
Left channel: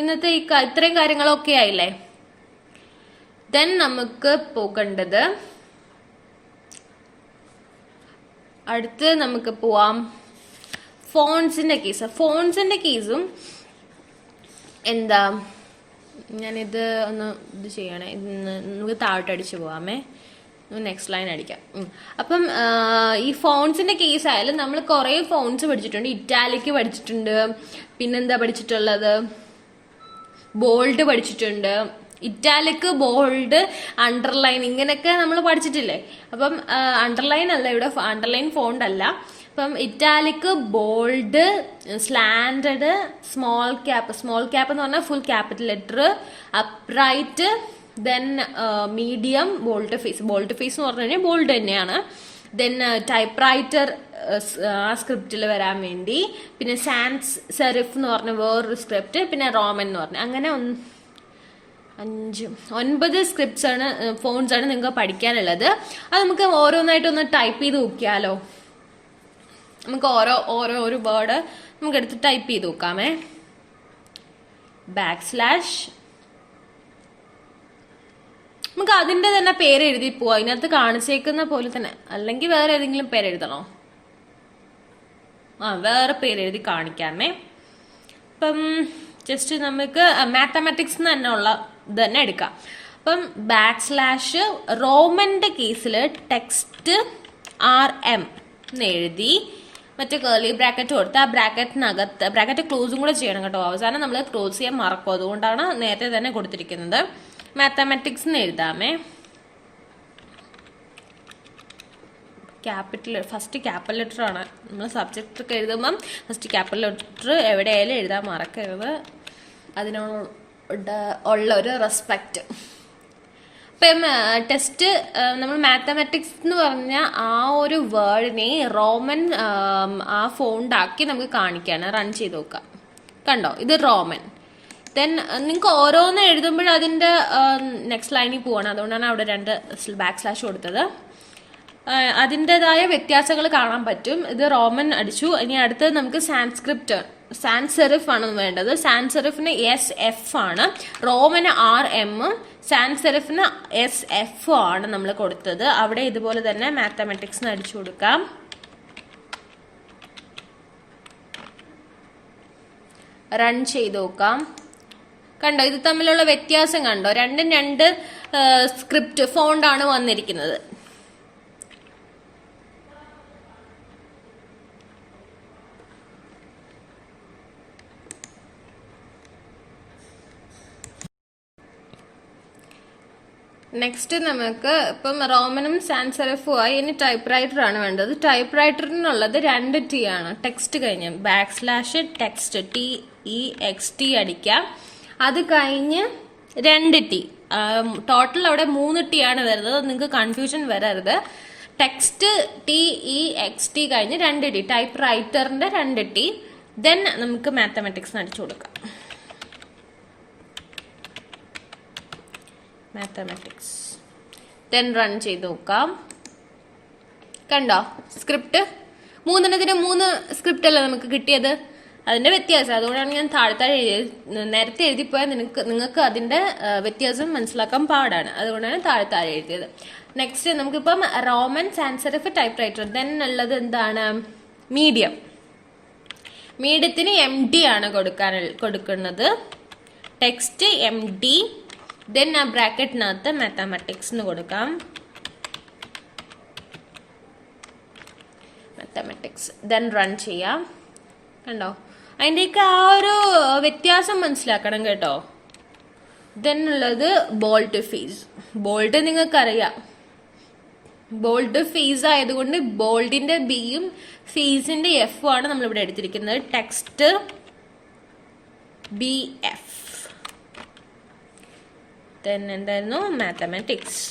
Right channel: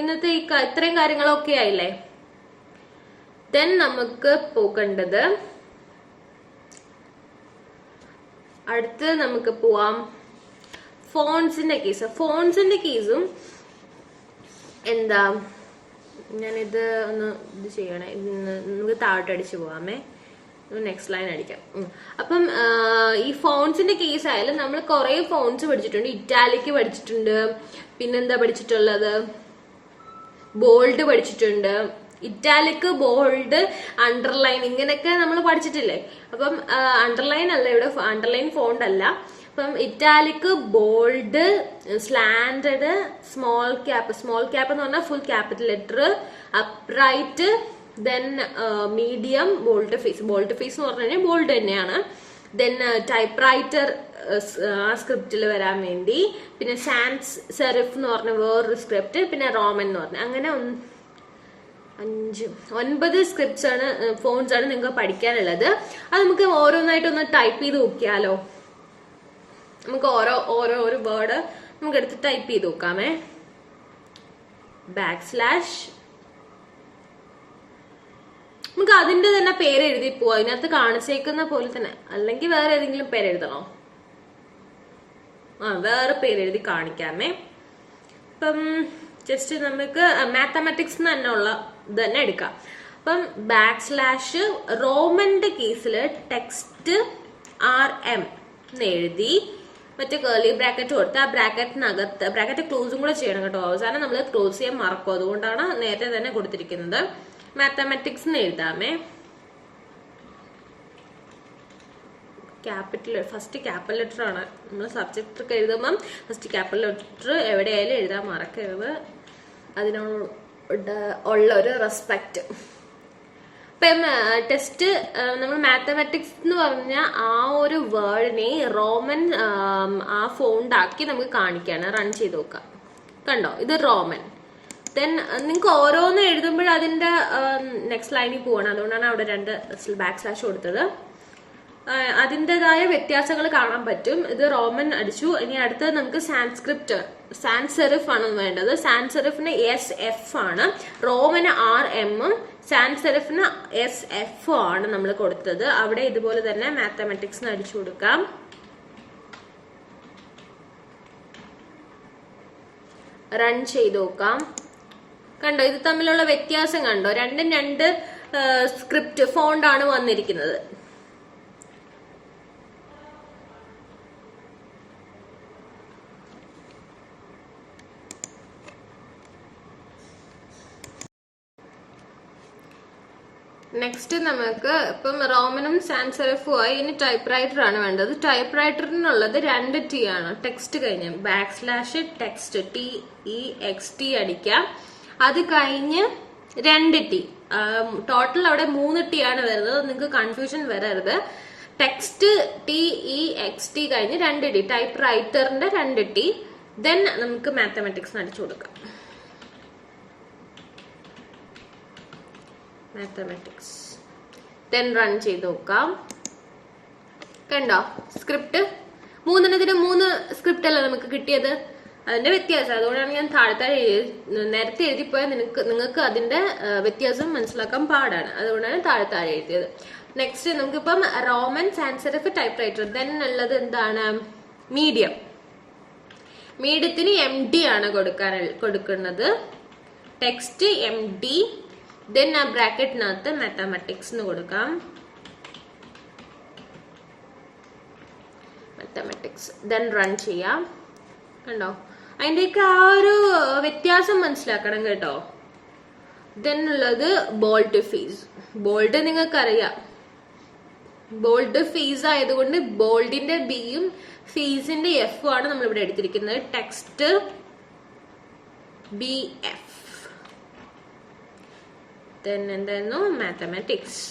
ഇന്നത്തെ ഇത്രയും കാര്യങ്ങളൊക്കെ ആയില്ലേ. ദെൻ നമുക്ക് പോകേണ്ടത് അടുത്ത് നമുക്ക് പോവാം ഫോൺസിന്റെ കേസ്. ഫോൺസിന്റെ കേസും എന്താ, ഞാനിത് ഒന്ന് ഇത് ചെയ്യണേ, നമുക്ക് താഴോട്ടടിച്ച് പോവാമേ, നെക്സ്റ്റ് ലൈൻ അടിക്കാം. അപ്പം ഈ ഫോൺസിന്റെ കേസ് ആയാലും നമ്മൾ കുറെ ഫോൺസ് പഠിച്ചിട്ടുണ്ട്. ഇറ്റാലിക് പഠിച്ചിട്ടുണ്ട്, പിന്നെന്താ പഠിച്ചിട്ടുള്ളത്, ബോൾഡ് പഠിച്ചിട്ടുണ്ട്. ഇറ്റാലിക്, ബോൾഡ്, അണ്ടർലൈൻ ഇങ്ങനെയൊക്കെ നമ്മൾ പഠിച്ചിട്ടില്ലേ. അപ്പം അണ്ടർലൈൻ അല്ല ഇവിടെ, അണ്ടർലൈൻ ഫോണ്ട് അല്ല. അപ്പം italic, bold, slanted, small cap എന്ന് പറഞ്ഞാൽ full capital letter, upright, then medium, bold face എന്ന് പറഞ്ഞു കഴിഞ്ഞാൽ ബോൾഡ് തന്നെയാണ്. ദെൻ ടൈപ്പ് റൈറ്റർ ആ സ്ക്രിപ്റ്റിൽ വരാൻ വേണ്ടി, പിന്നെ സാൻസ് സെറിഫ് എന്ന് പറഞ്ഞ വേറൊരു സ്ക്രിപ്റ്റ്, പിന്നെ റോമൻ എന്ന് പറഞ്ഞ, അങ്ങനെ 9 സ്ക്രിപ്റ്റ്സ് ആണ്, ഫോൺസ് ആണ് നിങ്ങൾക്ക് പഠിക്കാനുള്ളത്. അത് നമുക്ക് ഓരോന്നായിട്ട് ഒന്ന് ടൈപ്പ് ചെയ്ത് നോക്കിയാലോ. നമുക്ക് ഓരോ വേർഡ് നമുക്ക് എടുത്ത് ടൈപ്പ് ചെയ്ത് നോക്കാമേ. ബാക്ക് സ്ലാഷ്, നമുക്ക് അതിന്റെ തന്നെ പേര് എഴുതി പോവാം. അതിനകത്ത് കാണിച്ചേക്കുന്ന പോലെ തന്നെ, അല്ലെങ്കിൽ വേറെ ഏതെങ്കിലും പേര് എഴുതണോ? വേറെ പേര് എഴുതി കാണിക്കാമേ. അപ്പം ജസ്റ്റ് നമുക്ക് മാത്തമാറ്റിക്സ് തന്നെ ഉള്ള ഇത് തന്നെ എടുക്കാം. അപ്പം ബാക്ക് സ്ലാഷ് റോമന്റെ കേസിൽ ടെക്സ്റ്റ് RM എന്ന് എഴുതി മറ്റേ കേർലി ബ്രാക്കറ്റ് കൊടുത്ത് ആ ബ്രാക്കറ്റിനകത്ത് ബ്രാക്കറ്റ് ക്ലോസും കൂടെ ചെയ്യണം കേട്ടോ. അവസാനം നമ്മൾ ക്ലോസ് ചെയ്യാൻ മറക്കും, അതുകൊണ്ടാണ് നേരത്തെ തന്നെ കൊടുത്തിരിക്കുന്നത്. മാത്തമാറ്റിക്സ് എന്ന് എഴുതാമേ. ഫസ്റ്റ് ക്യാപിറ്റൽ ലെറ്റർ ആണ് നമ്മൾ സബ്ജക്റ്റ് ഒക്കെ എഴുതുമ്പം ഫസ്റ്റ് ക്യാപിറ്റൽ ലെറ്റർ എവിടെയായാലും എഴുതാൻ മറക്കരുത്, അതിനോട് ഉള്ള ഒരു റെസ്പെക്റ്റ്. ഇപ്പം ടെസ്റ്റ് നമ്മൾ മാത്തമാറ്റിക്സ് എന്ന് പറഞ്ഞ ആ ഒരു വേർഡിനെ റോമൻ ആ ഫോണ്ടാക്കി നമുക്ക് കാണിക്കാണ്. റൺ ചെയ്ത് നോക്കാം. കണ്ടോ, ഇത് റോമൻ. ദെൻ നിങ്ങൾക്ക് ഓരോന്ന് എഴുതുമ്പോൾ അതിൻ്റെ നെക്സ്റ്റ് ലൈനിൽ പോവാണ്, അതുകൊണ്ടാണ് അവിടെ 2 ബാക്ക് സ്ലാഷ് കൊടുത്തത്. അതിൻ്റെതായ വ്യത്യാസങ്ങൾ കാണാൻ പറ്റും. ഇത് റോമൻ അടിച്ചു. ഇനി അടുത്തത് നമുക്ക് സാൻസ് സെറിഫ് ആണ് വേണ്ടത്. സാൻസ് സെറിഫിന് SF ആണ്, റോമന് RM, സാൻസ് സെറിഫിന് SF ആണ് നമ്മൾ കൊടുത്തത്. അവിടെ ഇതുപോലെ തന്നെ മാത്തമാറ്റിക്സ് അടിച്ചു കൊടുക്കാം. റൺ ചെയ്ത് നോക്കാം. കണ്ടോ, ഇത് തമ്മിലുള്ള വ്യത്യാസം കണ്ടോ? രണ്ടും 2 സ്ക്രിപ്റ്റ് ഫോണ്ടാണ് വന്നിരിക്കുന്നത്. നെക്സ്റ്റ് നമുക്ക് ഇപ്പം റോമനും സാൻസ് സെറിഫും ആയി. ഇനി ടൈപ്പ് റൈറ്റർ ആണ് വേണ്ടത്. ടൈപ്പ് റൈറ്ററിനുള്ളത് 2 T ആണ്. ടെക്സ്റ്റ് കഴിഞ്ഞ് ബാക്ക് സ്ലാഷ് ടെക്സ്റ്റ് TEXT അടിക്കാം. അത് കഴിഞ്ഞ് 2T. ടോട്ടൽ അവിടെ 3T ആണ് വരുന്നത്. നിങ്ങൾക്ക് കൺഫ്യൂഷൻ വരരുത്. ടെക്സ്റ്റ് TEXT കഴിഞ്ഞ് 2T, ടൈപ്പ് റൈറ്ററിന്റെ 2T. ദെൻ നമുക്ക് മാത്തമാറ്റിക്സ് അടിച്ചു കൊടുക്കാം. മാത്തമാറ്റിക്സ് ദെൻ റൺ ചെയ്ത് നോക്കാം. കണ്ടോ സ്ക്രിപ്റ്റ്? 3 സ്ക്രിപ്റ്റ് അല്ലേ നമുക്ക് കിട്ടിയത്. അതിന്റെ വ്യത്യാസം അതുകൊണ്ടാണ് ഞാൻ താഴെ നേരത്തെ എഴുതിപ്പോയാൽ നിങ്ങൾക്ക് അതിന്റെ വ്യത്യാസം മനസ്സിലാക്കാൻ പാടാണ്. അതുകൊണ്ടാണ് താഴെ എഴുതിയത്. നെക്സ്റ്റ് നമുക്കിപ്പം roman sans serif typewriter. Then ഉള്ളത് എന്താണ്? മീഡിയം. മീഡിയത്തിന് MD ആണ് കൊടുക്കുന്നത്. Text MD. ദെൻ ആ ബ്രാക്കറ്റിനകത്ത് മാത്തമാറ്റിക്സ് എന്ന് കൊടുക്കാം. മാത്തമാറ്റിക്സ് ദെൻ റൺ ചെയ്യാം. കണ്ടോ അതിൻ്റെയൊക്കെ ആ ഒരു വ്യത്യാസം മനസ്സിലാക്കണം കേട്ടോ. ദെൻ ഉള്ളത് ബോൾഡ് ഫീസ്. ബോൾഡ് നിങ്ങൾക്കറിയാം. ബോൾഡ് ഫീസ് ആയതുകൊണ്ട് ബോൾഡിന്റെ ബിയും ഫീസിന്റെ എഫും ആണ് നമ്മളിവിടെ എടുത്തിരിക്കുന്നത്. Text BF. ദെൻ എന്തായിരുന്നു? മാത്തമാറ്റിക്സ്.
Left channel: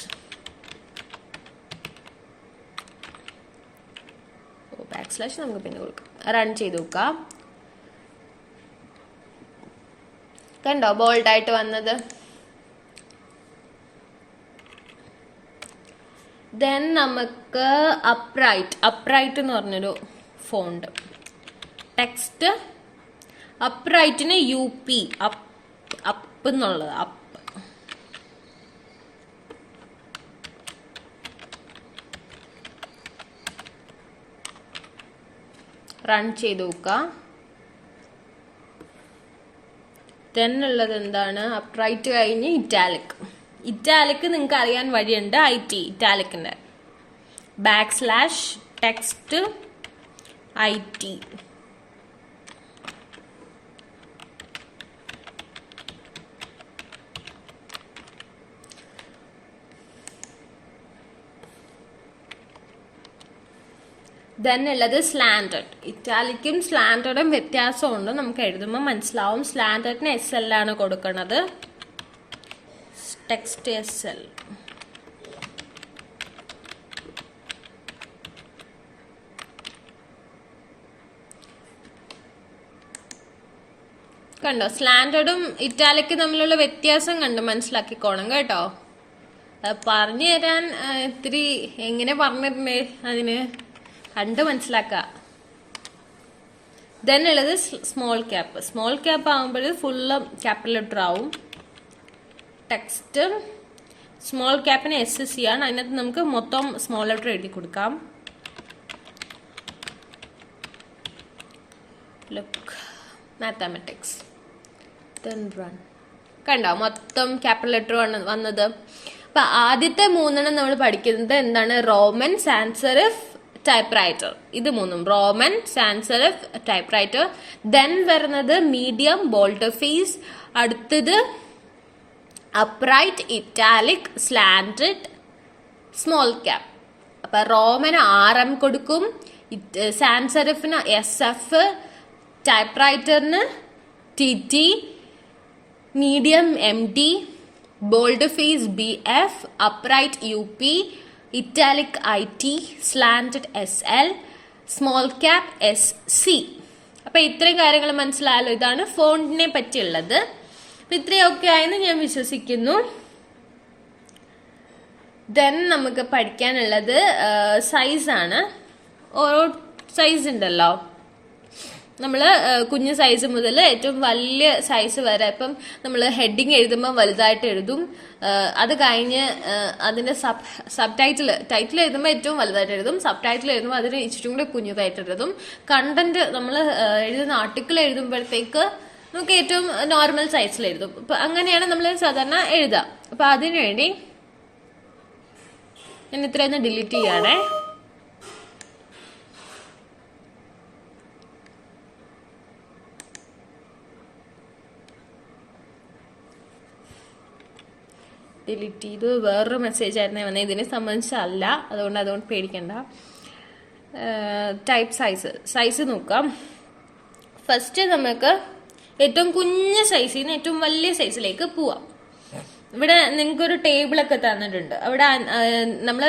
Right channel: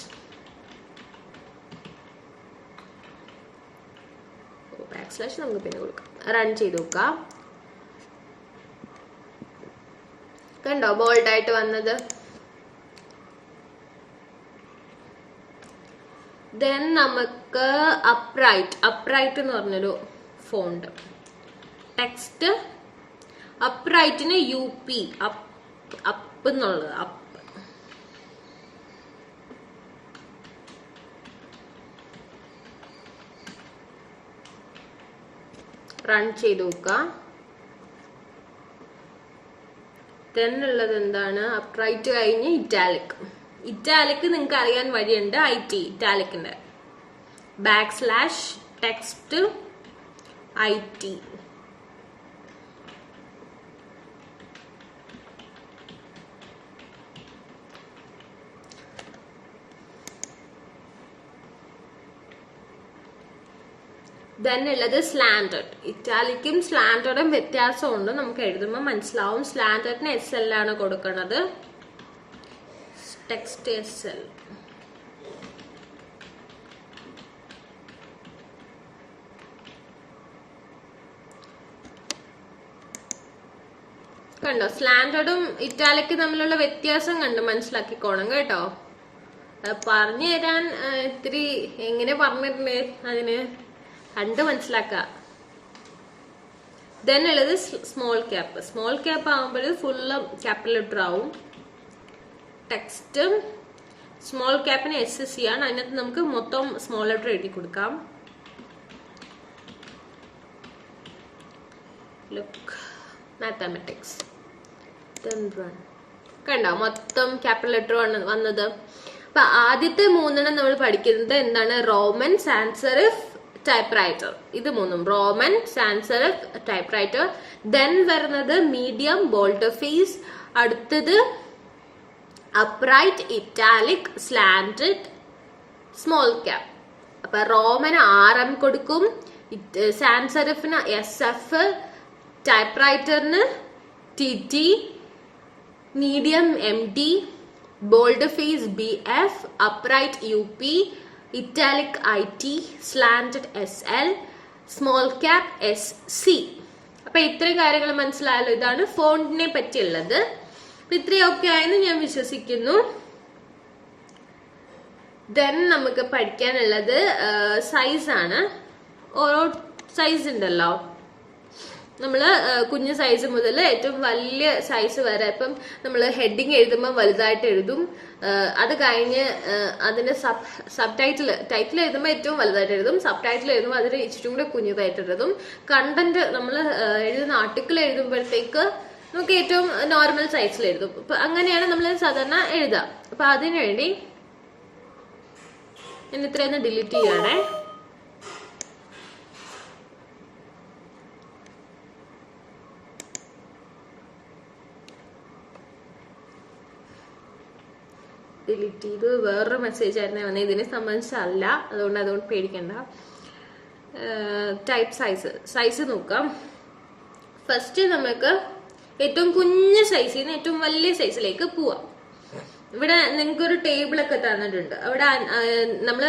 / നമുക്ക് പിന്നെ കൊടുക്കാം. റൺ ചെയ്ത് നോക്കാം. കണ്ടോ ബോൾഡ് ആയിട്ട് വന്നത്. ദെൻ നമുക്ക് അപ്രൈറ്റ് എന്ന് പറഞ്ഞൊരു ഫോണ്ട്. ടെക്സ്റ്റ് അപ്രൈറ്റിന് UP അപ്പ് എന്നുള്ളത്. അപ്പ് റൺ ചെയ്ത് നോക്കാം. ദെൻ ഉള്ളത് എന്താണ്? അപ്രൈറ്റ് കഴിഞ്ഞ് ഇറ്റാലിക് നിങ്ങൾക്ക് അറിയാൻ വഴിയുണ്ട്. IT ഇറ്റാലിക്കിന്റെ / text IT. ദെൻ ഉള്ളത് സ്ലാൻഡഡ്. ഇറ്റാലിക്കും സ്ലാൻഡഡും വ്യത്യാസമുണ്ട്. നമുക്ക് എഴുതുമ്പോൾ മനസ്സിലാവും. സ്ലാൻഡഡിന് SL ആണ് കൊടുക്കുന്നത്. Text SL. കണ്ടോ സ്ലാൻഡഡും ഇറ്റാലിക്കും തമ്മിലുള്ള വ്യത്യാസം കണ്ട് മനസ്സിലാക്കിക്കോണം കേട്ടോ. പറഞ്ഞു തരാൻ ഇത്തിരി എങ്ങനെ പറഞ്ഞിട്ടുണ്ടേ അതിന് കണ്ട് മനസ്സിലാക്കാം. ദെൻ ഉള്ളത് സ്മോൾ ക്യാപ്പ് ആകുമ്പോൾ ഫുള്ള് ക്യാപിറ്റൽ ലെറ്റർ ആവും. ടെക്സ്റ്റ് സ്മോൾ ക്യാപ്പിന് SC ആണ്. അതിനകത്ത് നമുക്ക് മൊത്തം സ്മോൾ ലെറ്റർ എഴുതി കൊടുക്കാം. Look mathematics. Then run. കണ്ടോ മൊത്തം ക്യാപിറ്റൽ ലെറ്റർ വന്നത്. അപ്പൊ ആദ്യത്തെ 3 നമ്മൾ പഠിക്കുന്നത് എന്താണ്? Roman sans serif typewriter. ഇത് 3 Roman sans serif typewriter. Then വരുന്നത് മീഡിയം ബോൾഡ് ഫീസ്. അടുത്തത് upright italic slanted small cap. അപ്പൊ റോമന് RM കൊടുക്കും, സാൻസ് സെറിഫിന് SF, ടൈപ്പ് റൈറ്ററിന് TT, medium MD, bold face BF, upright UP, italic IT, slanted SL, small cap SC. അപ്പൊ ഇത്രയും കാര്യങ്ങൾ മനസ്സിലായല്ലോ. ഇതാണ് ഫോണ്ടിനെ പറ്റിയുള്ളത്. അപ്പൊ ഇത്രയൊക്കെ ആയെന്ന് ഞാൻ വിശ്വസിക്കുന്നു. ദെൻ നമുക്ക് പഠിക്കാനുള്ളത് സൈസാണ്. ഓരോ സൈസ് ഉണ്ടല്ലോ. നമ്മൾ കുഞ്ഞു സൈസ് മുതൽ ഏറ്റവും വലിയ സൈസ് വരെ. ഇപ്പം നമ്മൾ ഹെഡിങ് എഴുതുമ്പോൾ വലുതായിട്ട് എഴുതും. അത് കഴിഞ്ഞ് അതിന്റെ ടൈറ്റിൽ എഴുതുമ്പോൾ ഏറ്റവും വലുതായിട്ട് എഴുതും. സബ് ടൈറ്റിൽ എഴുതുമ്പോൾ അതിന് ഇച്ചിരി കൂടെ കുഞ്ഞതായിട്ട് എഴുതും. കണ്ടന്റ് നമ്മൾ എഴുതുന്ന ആർട്ടിക്കിൾ എഴുതുമ്പോഴത്തേക്ക് നമുക്ക് ഏറ്റവും നോർമൽ സൈസിൽ എഴുതും. അപ്പൊ അങ്ങനെയാണ് നമ്മൾ സാധാരണ എഴുതുക. അപ്പൊ അതിനുവേണ്ടി ഞാൻ ഇത്രയൊന്ന് ഡിലീറ്റ് ചെയ്യണേ. ഡിലീറ്റ് ചെയ്ത് വേറൊരു മെസ്സേജ് ആയിരുന്നേ വന്നത്. ഇതിനെ സംബന്ധിച്ചല്ല, അതുകൊണ്ട് പേടിക്കണ്ട. ടൈപ്പ് സൈസ് നോക്കാം. ഫസ്റ്റ് നമുക്ക് ഏറ്റവും കുഞ്ഞ സൈസിൽ നിന്ന് ഏറ്റവും വലിയ സൈസിലേക്ക് പോവാം. ഇവിടെ നിങ്ങൾക്കൊരു ടേബിളൊക്കെ തന്നിട്ടുണ്ട്. അവിടെ നമ്മൾ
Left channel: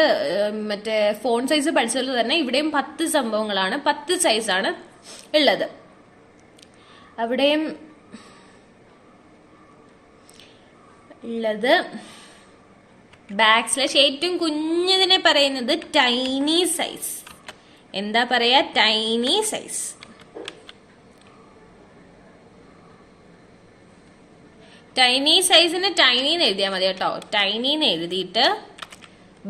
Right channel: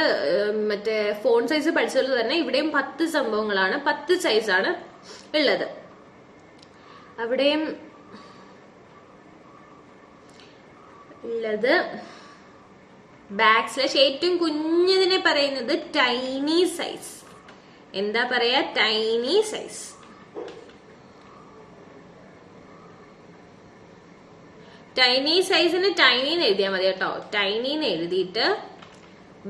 മറ്റേ ഫോൺ സൈസ് പഠിച്ചതിൽ തന്നെ ഇവിടെയും 10 സംഭവങ്ങളാണ്, 10 സൈസാണ് ഉള്ളത്. അവിടെയും ഉള്ളത് / ഏറ്റവും കുഞ്ഞതിനെ പറയുന്നത് ടൈനി സൈസ്. എന്താ പറയാ? Tiny size. ടൈനി സൈസിന് ടൈനി എന്ന് എഴുതിയാൽ മതി കേട്ടോ. ടൈനി എന്ന് എഴുതിയിട്ട്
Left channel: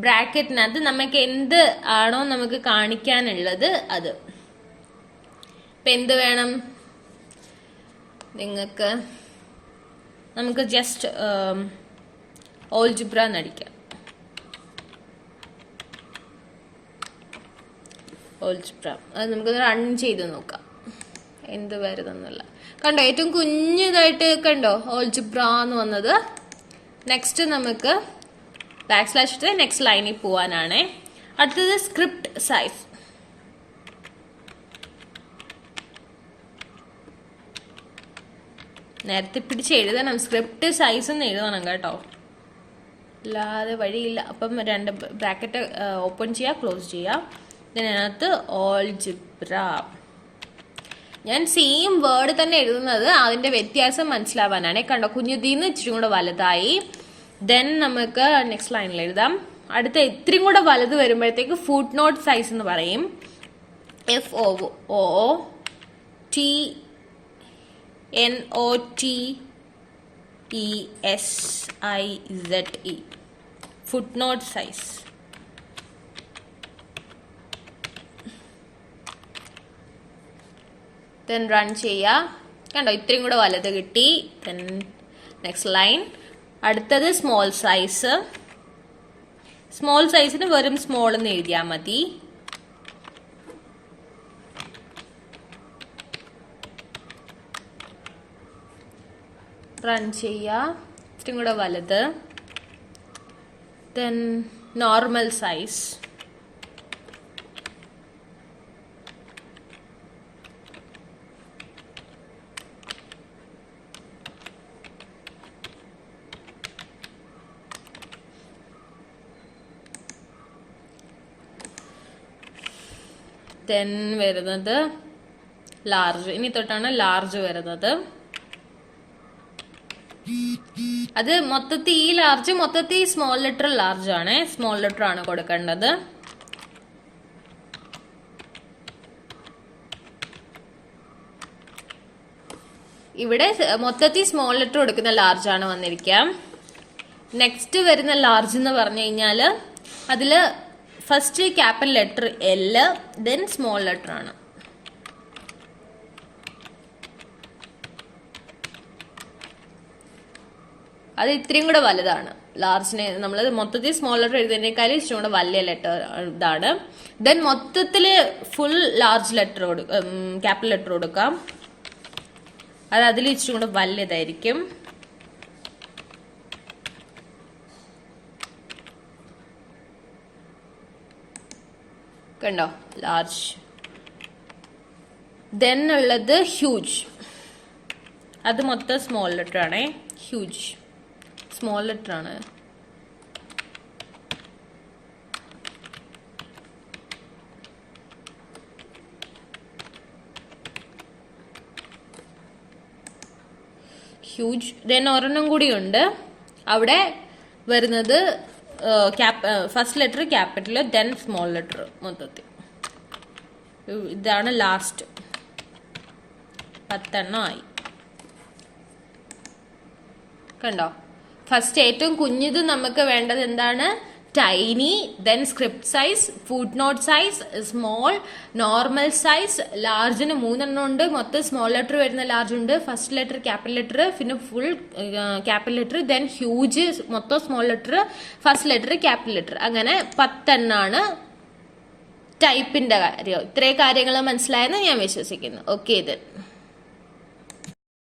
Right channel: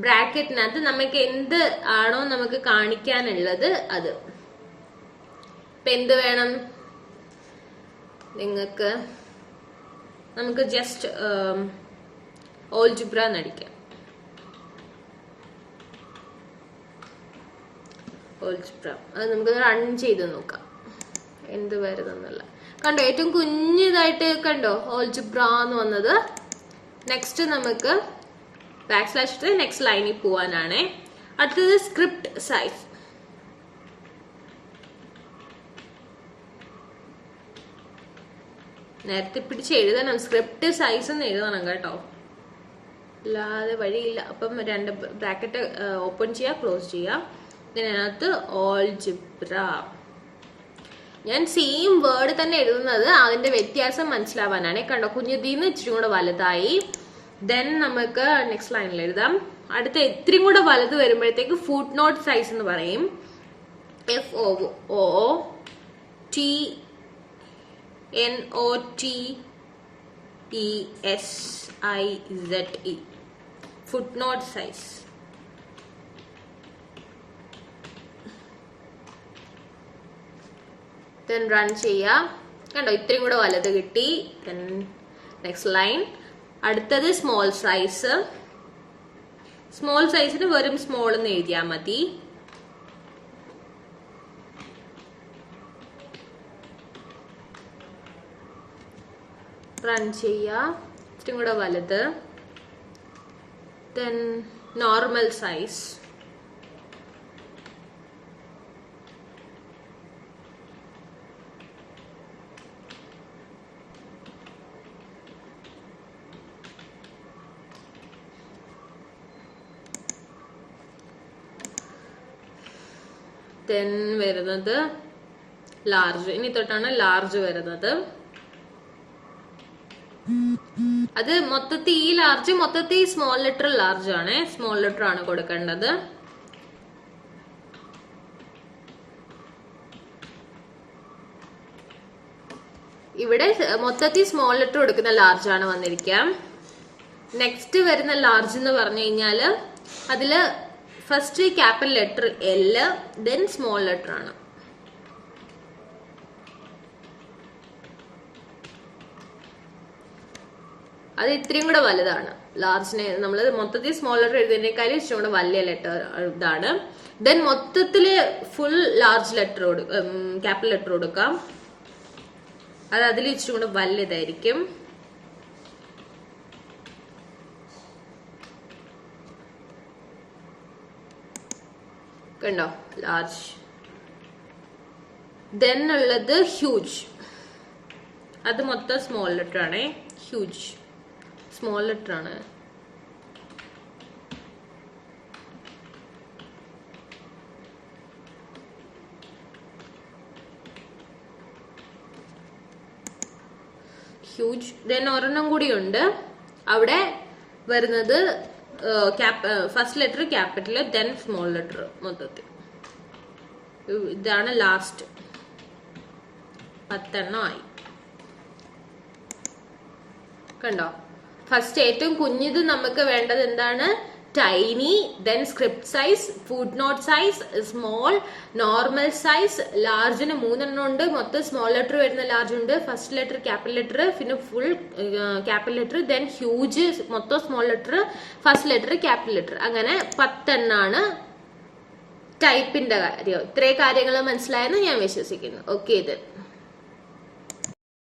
ബ്രാക്കറ്റിനകത്ത് നമുക്ക് എന്ത് ആണോ നമുക്ക് കാണിക്കാനുള്ളത് അത്. ഇപ്പൊ എന്ത് വേണം നിങ്ങൾക്ക്? നമുക്ക് ജസ്റ്റ് ഓൾജിബ്ര എന്നടിക്കാം. ഓൾജിബ്ര അത് നമുക്ക് റൺ ചെയ്ത് നോക്കാം എന്ത് വരുന്നെന്നല്ല. കണ്ടോ, ഏറ്റവും കുഞ്ഞിതായിട്ട് കണ്ടോ ഓൾജിബ്ര എന്ന് വന്നത്. നെക്സ്റ്റ് നമുക്ക് / നെക്സ്റ്റ് ലൈനിൽ പോവാനാണ്. അടുത്തത് സ്ക്രിപ്റ്റ് സൈസ്. നേരത്തെ പിടിച്ച് എഴുതണം, സ്ക്രിപ്റ്റ് സൈസ് എന്ന് എഴുതണം കേട്ടോ, അല്ലാതെ വഴിയില്ല. അപ്പം 2 ബ്രാക്കറ്റ് ഓപ്പൺ ചെയ്യുക, ക്ലോസ് ചെയ്യുക. ഇതിനകത്ത് ഓൾജിബ്ര. ഞാൻ സെയിം വേർഡ് തന്നെ എഴുതുന്നത് അതിന്റെ വ്യത്യാസം മനസ്സിലാവാനാണ്. കണ്ടോ, കുഞ്ഞുതീന്ന് ഇച്ചിരി കൂടെ വലുതായി. ദെൻ നമുക്ക് നെക്സ്റ്റ് ലൈനിൽ എഴുതാം. അടുത്ത ഇത്രയും കൂടെ വലുത് വരുമ്പോഴത്തേക്ക് ഫുട് നോട്ട് സൈസ് എന്ന് പറയും. FOOTNOTESIZE. Foot not size. Then run ചെയ്യാം. കണ്ടോ, ഇത്രയും കൂടെ വലുത് കിട്ടി. Then next line. അടുത്തത് സ്മോൾ സൈസ്. സ്മോൾ സൈസിന് വെറും സ്മോൾ എന്ന് എഴുതിയാൽ മതി. റൺ ചെയ്യാം. ഇത്രയും കൂടെ വലുത്. Then normal size. ദെൻ വരുന്നത് ലാർജ്. ഇനി തൊട്ടാണ് ലാർജ് വരുന്നത്. അത് മൊത്തത്തിൽ ഈ ലാർജ് മൊത്തത്തിൽ സ്മോൾ ലെറ്റർ ലാർജ് ആണ്. സ്മോൾ ലെറ്റർ ആണ് കൊടുക്കേണ്ടത്. ഇവിടെ മൊത്തത്തിൽ സ്മോൾ ലെറ്റർ കൊടുക്കുന്ന ലാർജ് ആണ് വന്നിരിക്കാം. നെക്സ്റ്റ് വരുന്ന ലാർജ് എന്ന് പറഞ്ഞു കഴിഞ്ഞാല് അതില് first capital letter L, then small letter ആണ്. അത് ഇത്രയും കൂടെ വലുതാണ്. ലാർജിനെ നമ്മൾ മൊത്തത്തിൽ സ്മോൾ ലെറ്റർ എഴുതുന്നതിനേക്കാളും ഇച്ചിരി കൂടെ വലിയ ലെറ്റർ ഇതാണ്. ദെൻ മൊത്തത്തില് full large letter capital letter കൊടുക്കാം. അത് അതിൽ ഇച്ചിരി കൂടെ വലുതായിരിക്കും. കണ്ടോ, ലാർജ്. ദെൻ ഉള്ളത് ഹ്യൂജ്. അത് മൊത്തം സ്മോൾ ലെറ്റർ ആണ്. ഹ്യൂജ് സ്മോൾ ലെറ്റർ ആണ്. ഹ്യൂജ്. ദെൻ ഒരെണ്ണം കൂടി ഉണ്ട്. അവിടെ വരുന്നത് first letter capital, then small letter മൊത്തത്തിൽ. ഇതാണ് ലാസ്റ്റ്. 10 എണ്ണം ആയി. കണ്ടോ, ഫസ്റ്റ് ഏറ്റവും കുഞ്ഞത് നമുക്ക് വേണ്ടത് എന്താണ്? Tiny, then script size, foot not size, small, normal size. ലാർജിന് 3 എണ്ണം ഉണ്ട്. മൊത്തം സ്മോൾ ലെറ്റർ വരുന്ന ലാർജ് ഉണ്ട്. ഫസ്റ്റ് ലെറ്റർ ക്യാപിറ്റൽ ലെറ്റർ, പിന്നെ full capital letter, then huge മൊത്തം small letter, first letter capital letter. അങ്ങനെ 10 എണ്ണാണ് ടൈപ്പിന്റെ കാര്യം. ഇത്രയും കാര്യങ്ങൾ മനസ്സിലായെന്ന് ഞാൻ വിശ്വസിക്കുന്നു. ഓക്കെ. ഇത്